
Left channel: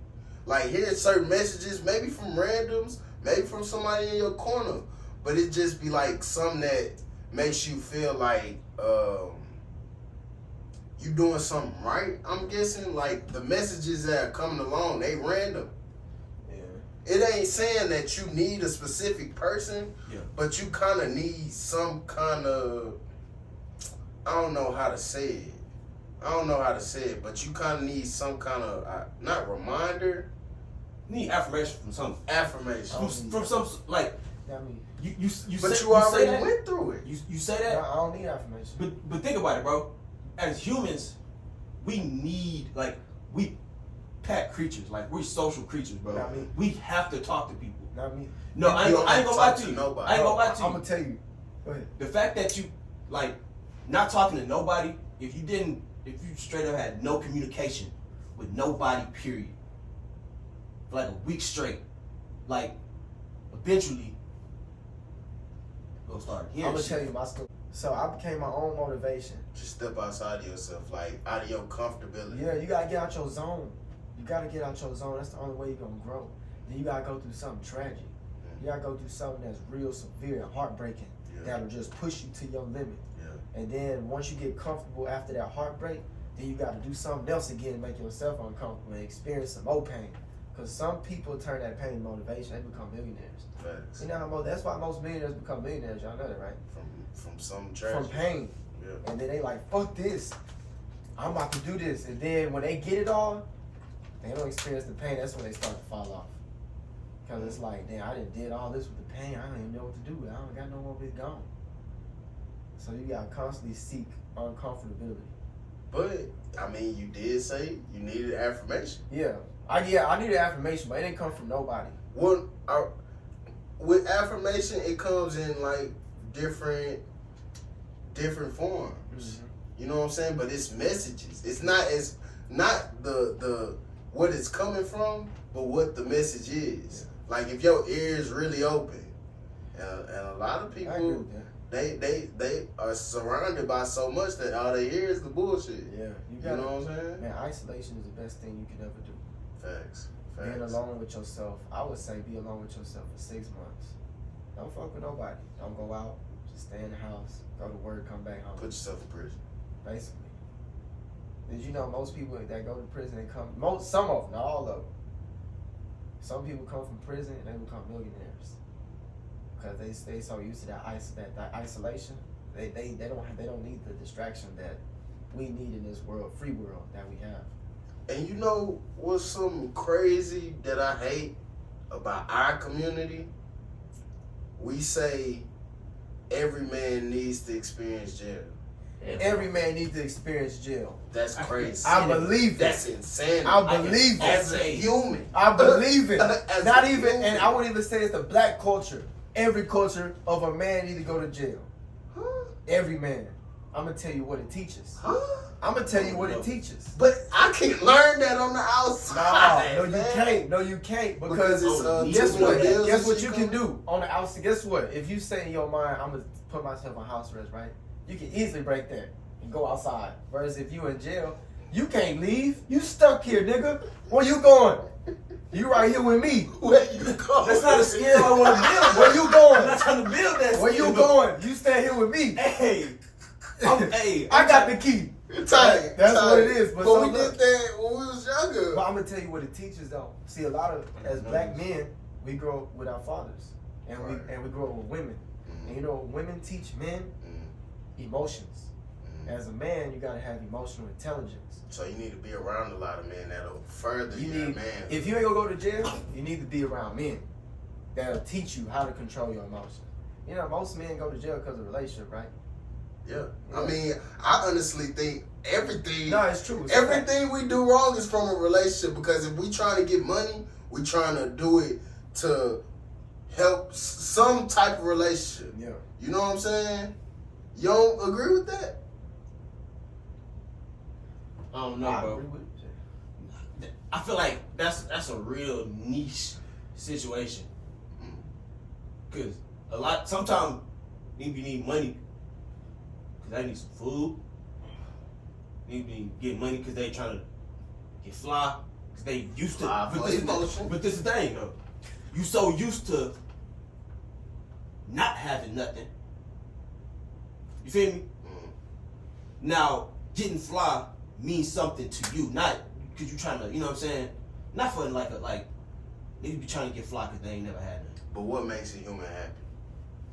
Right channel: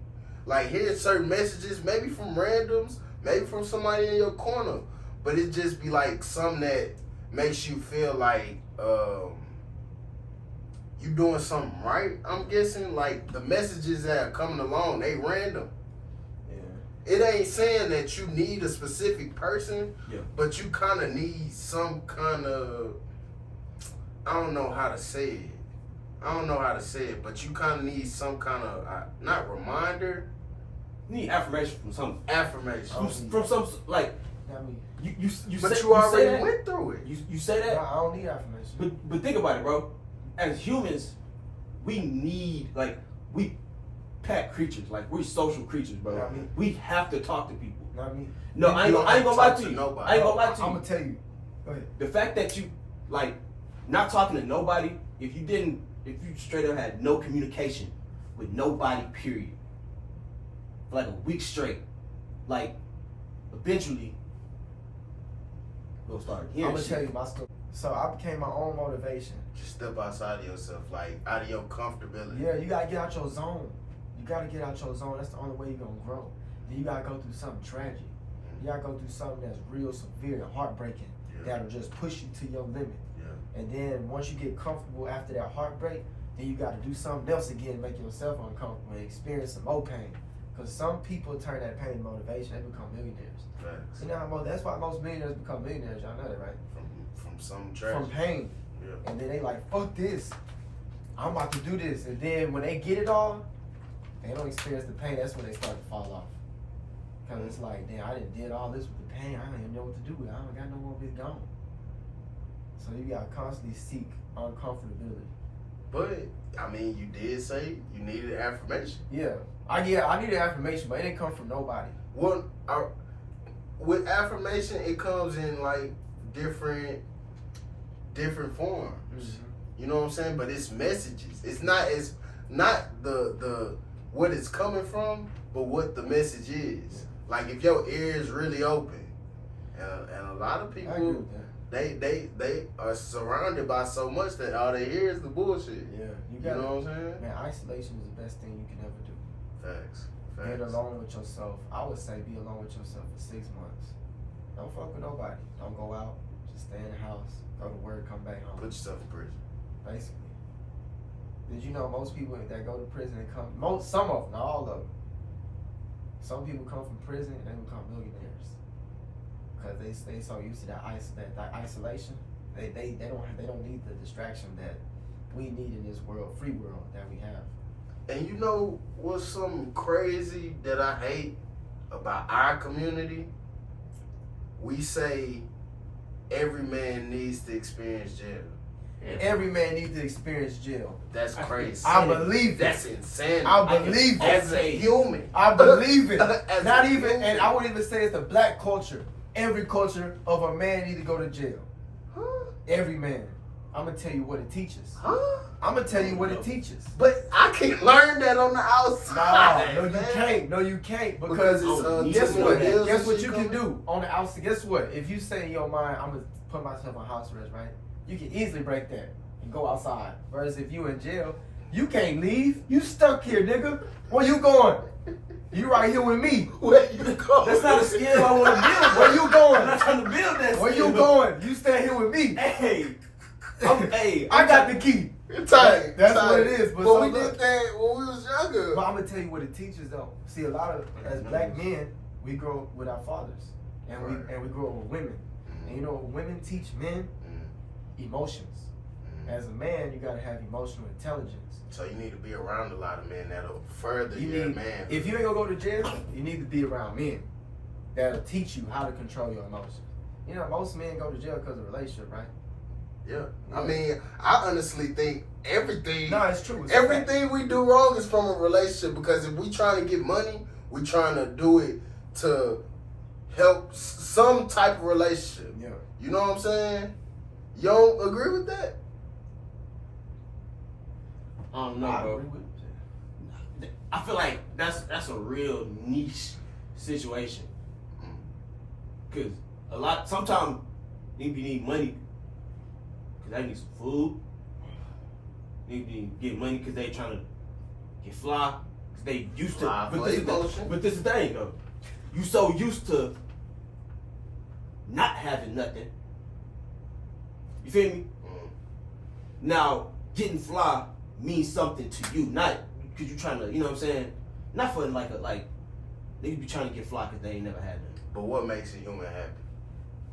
Like hearing certain messages, maybe from randoms, maybe from somebody in your corner, but it just be like something that makes you feel like you doing something right. I'm guessing like the messages that are coming along, they random. Yeah. It ain't saying that you need a specific person, Yeah. but you kind of need some kind of, I don't know how to say it, but you kind of need some kind of, not reminder. You need affirmation from something. Affirmation. From some, like, I mean, you but say, you already say went through it. You say that? I don't need affirmation. But think about it, bro. As humans, we need, like, we pack creatures. Like, we're social creatures, bro. I mean, we have to talk to people. I mean, No, I ain't gonna lie to you. Nobody. I ain't gonna lie to you. I'm gonna tell you. Go ahead. The fact that you, like, not talking to nobody, if you straight up had no communication with nobody, period, for like a week straight, like, eventually, you'll start hearing I'm gonna shit. tell you my story. So I became my own motivation. Just step outside of yourself, like out of your comfortability. Yeah, you gotta get out your zone. You gotta get out your zone. That's the only way you're gonna grow. Then you gotta go through something tragic. You gotta go through something that's real severe and heartbreaking. That'll just push you to your limit. Yeah. And then once you get comfortable after that heartbreak, then you gotta do something else again to make yourself uncomfortable and experience some more pain. Because some people turn that pain motivation, they become millionaires. Facts. You know how that's why most millionaires become millionaires. Y'all know that, right? From some tragedy. From pain. Yeah. And then they like, fuck this. I'm about to do this. And then when they get it all, they don't experience the pain. That's when they start to fall off. Because it's like, damn, I did all this with the pain. I don't even know what to do with it. I don't got no more of it gone. So you got to constantly seek uncomfortability. But, I mean, you did say you needed affirmation. Yeah. I needed affirmation, but it didn't come from nobody. Well, with affirmation, it comes in like different forms. Mm-hmm. You know what I'm saying? But it's messages. It's not the what it's coming from, but what the message is. Yeah. Like if your ear is really open, and a lot of people, I agree with that. they are surrounded by so much that all they hear is the bullshit. Yeah. You know what I'm saying? Man, isolation is the best thing you can ever do. Facts. Being alone with yourself, I would say be alone with yourself for 6 months. Don't fuck with nobody. Don't go out. Just stay in the house. Go to work. Come back home. Put yourself in prison. basically. Did you know most people that go to prison, they come, some of them, not all of them. Some people come from prison and they become millionaires because they so used to that isolation. They don't need the distraction that we need in this world, free world that we have. And you know what's something crazy that I hate about our community? We say every man needs to experience jail. Every man needs to experience jail. That's crazy. I believe it. That's insane. I believe it. As a human. I believe it. As Not a even, human. and I wouldn't even say it's the black culture. Every culture of a man need to go to jail. Huh? Every man. I'm gonna tell you what it teaches. Huh? I'm gonna tell you what it teaches. But I can't learn that on the outside. No, you man. can't. No, you can't. Because Because it's, guess what? bills Guess and what shit you can coming. do on the outside. Guess what? If you say in your mind, I'm gonna put myself on house arrest, right? You can easily break that and go outside. Whereas if you in jail, you can't leave. You stuck here, nigga. Where you going? You right here with me. Where you going? That's not a skill I want to build. Where you I'm going? not trying to build that. Where you skill. going? You stay here with me. Hey, I got the key. Tight. That's what it is. But But so we look, did that when we was younger. but I'm gonna tell you what it teaches though. See, a lot of as black men, we grow up with our fathers, and we grow up with women. And you know, women teach men emotions. As a man, you gotta have emotional intelligence. So you need to be around a lot of men that'll further You your need, man. if you ain't gonna go to jail, you need to be around men that'll teach you how to control your emotions. You know, most men go to jail because of a relationship, right? Yeah. I mean, I honestly think everything. No, it's true. It's Everything we do wrong is from a relationship, because if we trying to get money, we trying to do it to help some type of relationship. Yeah. You know what I'm saying? You don't agree with that? I don't know, I bro. agree with you. I feel like that's a real niche situation. Cause sometimes you need money because they need some food. Need to get money because they trying to get fly. Cause they used to. Fly But for this, is emotion. the, but this is the thing though. You so used to not having nothing. You feel me? Now getting fly means something to you, not because you trying to. You know what I'm saying? Not for like niggas be trying to get fly because they ain't never had nothing. But what makes a human happy?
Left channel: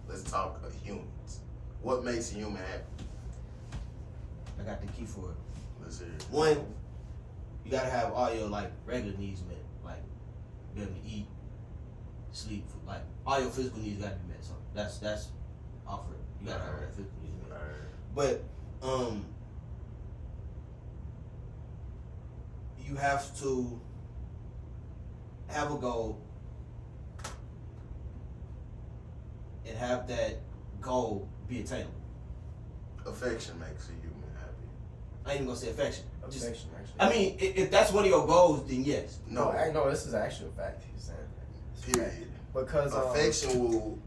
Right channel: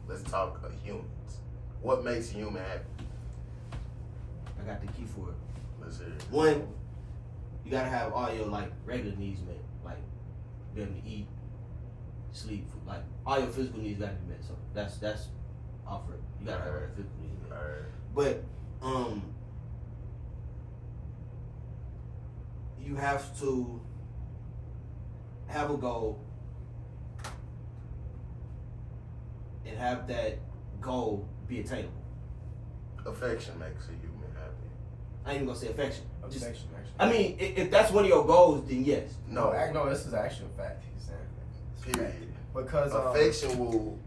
Let's talk of humans. What makes a human happy? I got the key for it. Let's hear it. One, you gotta have all your like regular needs met, like be able to eat, sleep, like all your physical needs gotta be met. So that's offered. You gotta have all your physical needs met. Alright. But you have to have a goal and have that goal be attainable. Affection makes a human happy. I ain't even gonna say affection. Just, Affection, actually. I mean, if that's one of your goals, then yes. No, No, this is actual fact. He's saying. It's a fact. period. Because Affection will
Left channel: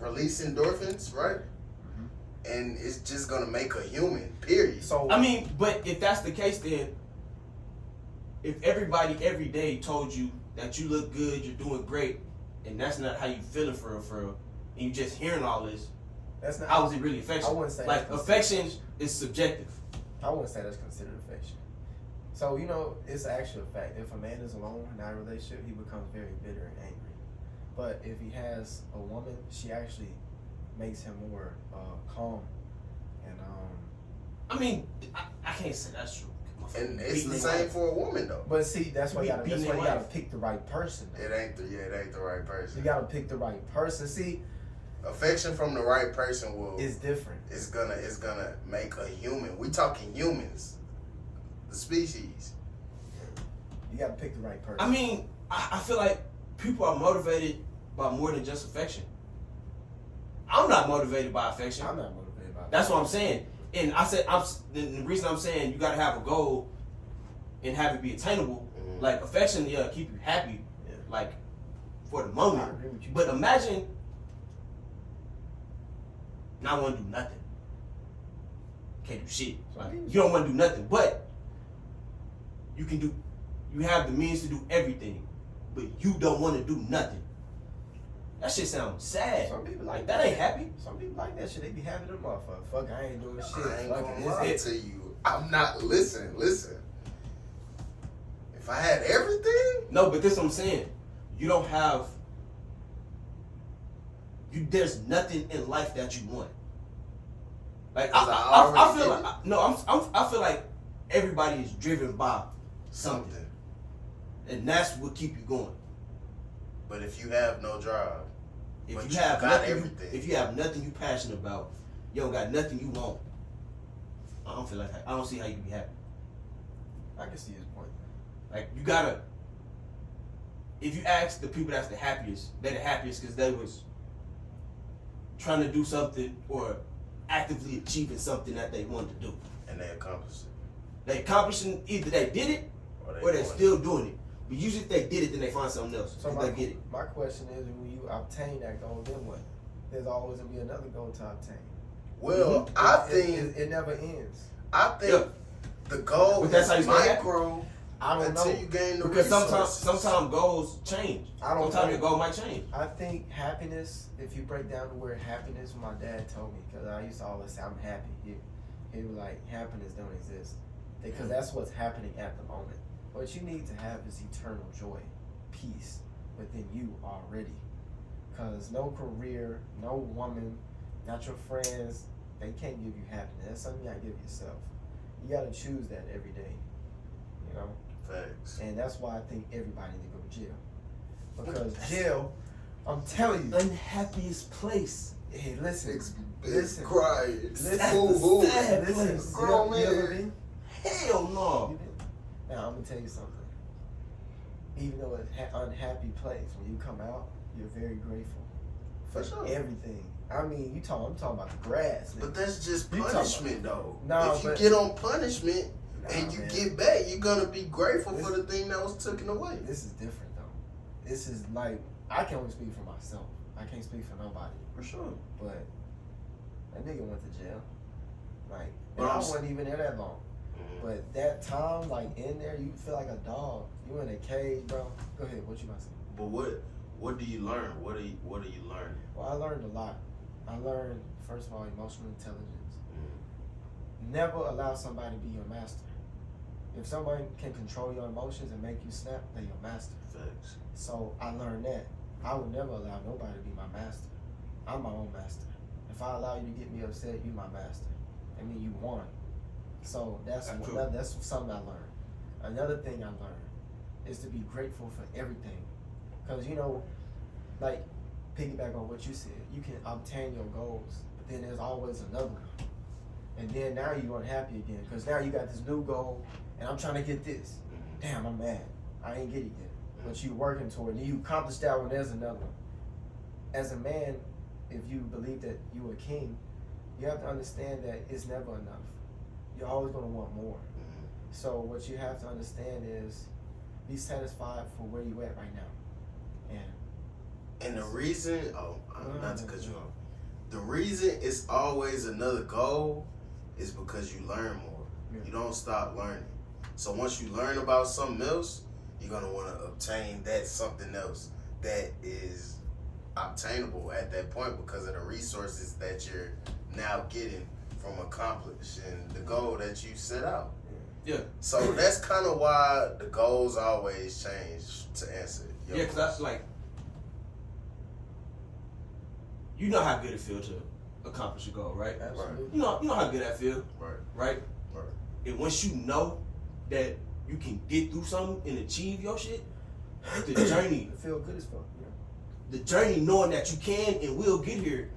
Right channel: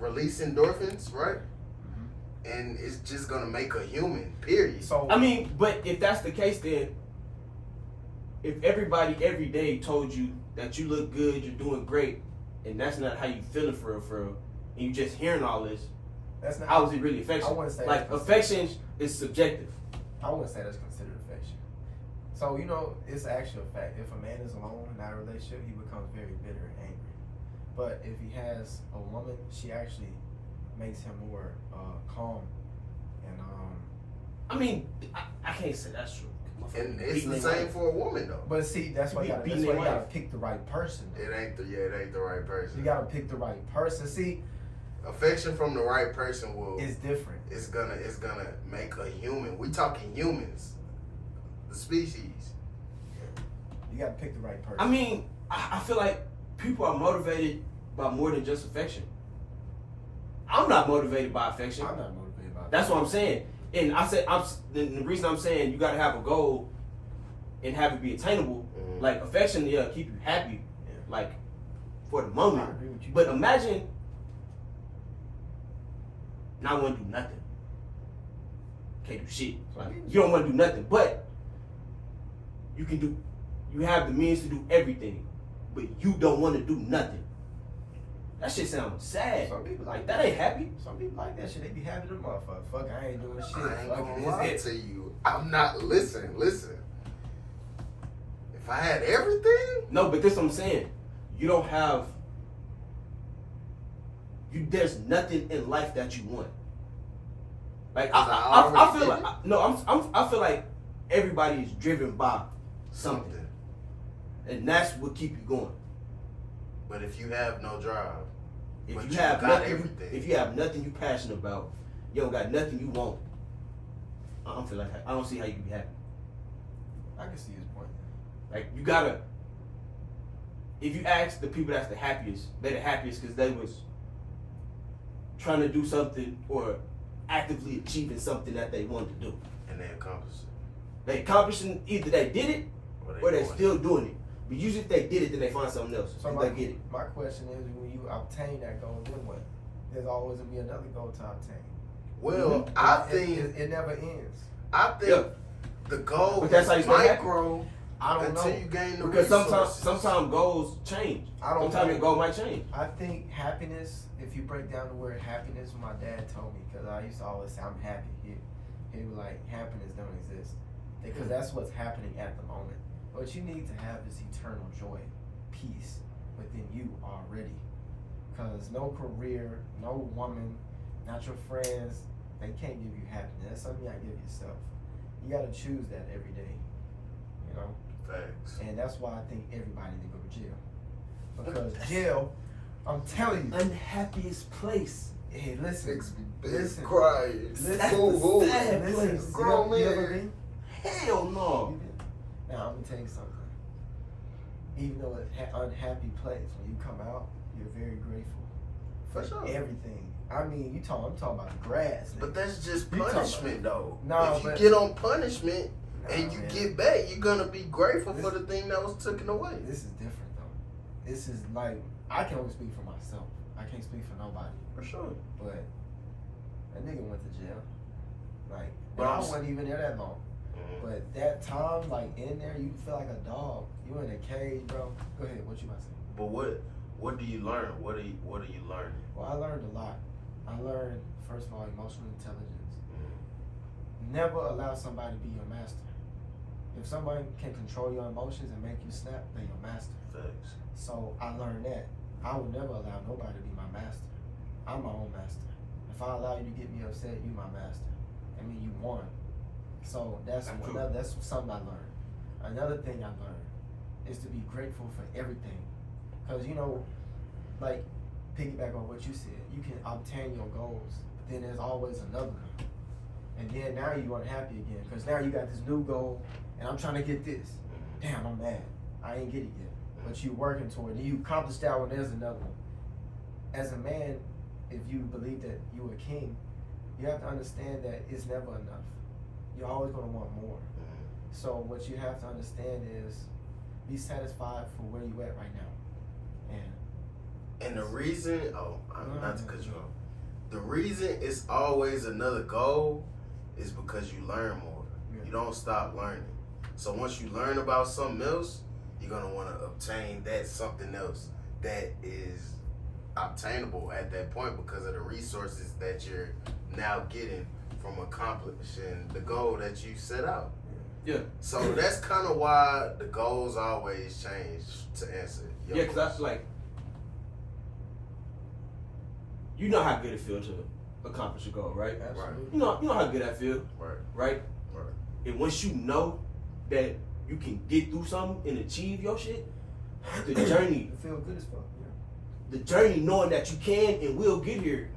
release endorphins, right? And it's just gonna make a human. Period. So I mean, but if that's the case, then if everybody every day told you that you look good, you're doing great, and that's not how you feeling for real, and you just hearing all this, that's not. how is it really affection? I wouldn't say like that's affection is subjective. I wouldn't say that's considered affection. So you know, it's an actual fact. If a man is alone in that relationship, he becomes very bitter and angry. But if he has a woman, she actually makes him more calm. And I mean, I can't say that's true. And it's Beating the their same wife. for a woman though. but see, that's why you gotta, Beating that's why their you gotta wife. pick the right person. Though. It ain't the right person. You gotta pick the right person. See, Affection from the right person will. it's different. It's gonna make a human. We talking humans, the species. You gotta pick the right person. I mean, I feel like people are motivated by more than just affection. I'm not motivated by affection. I'm not motivated by that. That's what I'm saying. And I said, the reason I'm saying you gotta have a goal and have it be attainable. Mhm. Like affection, yeah, keep you happy, Yeah. like for the I moment. agree with you. But imagine not want to do nothing. Can't do shit. Like you don't want to do nothing, but you can do. You have the means to do everything, but you don't want to do nothing. That shit sounds sad. Some people Like that ain't happy. Some people like that shit. They be happy than motherfucker. Fuck, I ain't doing shit. I ain't Fuck gonna it. lie It's it. to you. I'm not. Listen. If I had everything, No, but this what I'm saying. You don't have. There's nothing in life that you want. Like I feel like I feel like everybody is driven by something, and that's what keep you going. But if you have no drive, If but you you have got nothing, everything. if you have nothing you passionate about, you don't got nothing you want. I don't feel like I don't see how you can be happy. I can see his point. Like you gotta. If you ask the people that's the happiest, they're the happiest because they was trying to do something or actively achieving something that they wanted to do. and they accomplish it, They accomplishing either they did it or they're doing still doing it. But usually if they did it, then they find something else. So So they get it. my question is, when you obtain that goal, then what? There's always gonna be another goal to obtain. Well, Mhm. I It- think it never ends. the goal But that's how you is stay happy. micro I don't until know. you gain the Because resources. sometimes goals change. I don't Sometimes know. your goal might change. I think happiness, if you break down the word happiness, what my dad told me, because I used to always say I'm happy. He was like, happiness don't exist. Because that's what's happening at the moment. What you need to have is eternal joy, peace within you already. Because no career, no woman, not your friends, they can't give you happiness. That's something you gotta give yourself. You gotta choose that every day. You know? Facts. And that's why I think everybody need to go to jail. Because jail, I'm telling you. Unhappiest place. Hey, listen. Listen, Listen. crying. Listen. Boo-hoo. Sad Listen. place. Grown You ever man. been? Hell no. You been? Now, I'm going to tell you something. Even though it's an unhappy place, when you come out, you're very grateful for For sure. everything. I mean, I'm talking about the grass. But that's just You talking punishment, though. No, if you but- get on punishment Nah, and you man. get back, you're gonna be grateful This- for the thing that was taken away. This is different, though. This is like, I can only speak for myself. I can't speak for nobody. For sure. But that nigga went to jail. Like, But and I I'm- wasn't even there that long. But that time, like in there, you feel like a dog. You in a cage, bro. Go ahead. What you about to say? But what do you learn? What are you learning? Well, I learned a lot. I learned, first of all, emotional intelligence. Never allow somebody to be your master. If somebody can control your emotions and make you snap, they're your master. Facts. So I learned that. I would never allow nobody to be my master. I'm my own master. If I allow you to get me upset, you my master. I mean, you won. So that's something I learned. Another thing I learned is to be grateful for everything. Because, you know, like, piggyback on what you said, you can obtain your goals, but then there's always another one. And then now you're unhappy again, because now you got this new goal, and I'm trying to get this. Damn, I'm mad. I ain't get it yet. But you working toward it, and you accomplish that one, there's another one. As a man, if you believe that you're a king, you have to understand that it's never enough. You're always going to want more. So what you have to understand is be satisfied for where you at right now. And the reason, not to cut you off, the reason it's always another goal is because you learn more. Yeah. You don't stop learning. So once you learn about something else, you're gonna want to obtain that something else that is obtainable at that point because of the resources that you're now getting from accomplishing the goal that you set out. Yeah. So that's kind of why the goals always change to answer. Yeah, because that's like, you know how good it feels to accomplish a goal, right? Absolutely. You know how good that feel, Right. right? Right. And once you know that you can get through something and achieve your shit, the journey, It feel good as fuck. Yeah. the journey knowing that you can and will get here,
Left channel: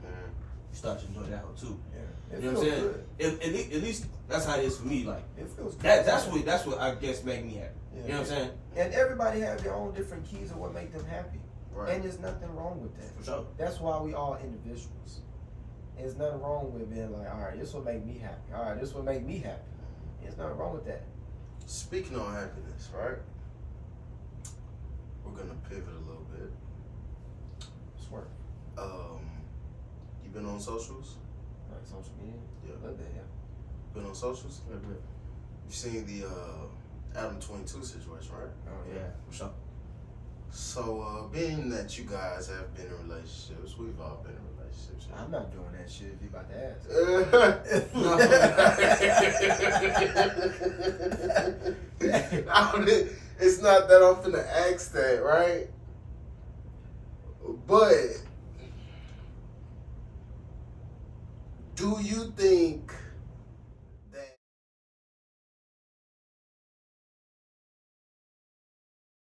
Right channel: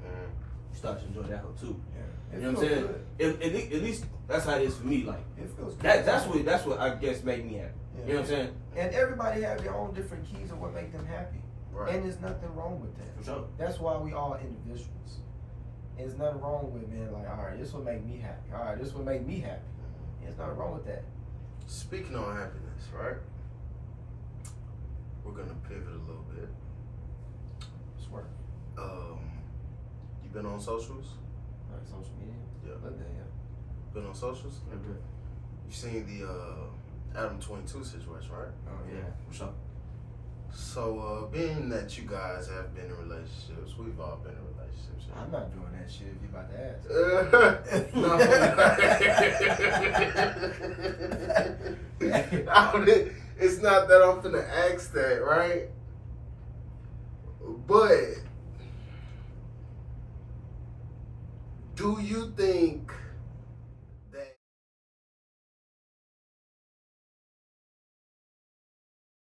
you start to enjoy that whole too. Yeah. It You know what I'm feels saying? good. At least that's how it is for me. Like It feels good. that's what I guess made me happy. Yeah. You know what I'm saying? And everybody have their own different keys of what make them happy. Right. And there's nothing wrong with that. For sure. That's why we all individuals. There's nothing wrong with being like, all right, this will make me happy. All right, this will make me happy. There's nothing wrong with that. Speaking on happiness, right? We're gonna pivot a little bit. It's work. You been on socials? Like social media. Yeah. Love that, yeah. Been on socials? You seen the Adam 22 situation, right? Oh yeah. For sure. So, being that you guys have been in relationships, we've all been in relationships. I'm not doing that shit if you about to No. It's not that I'm finna ask that, right? But do you think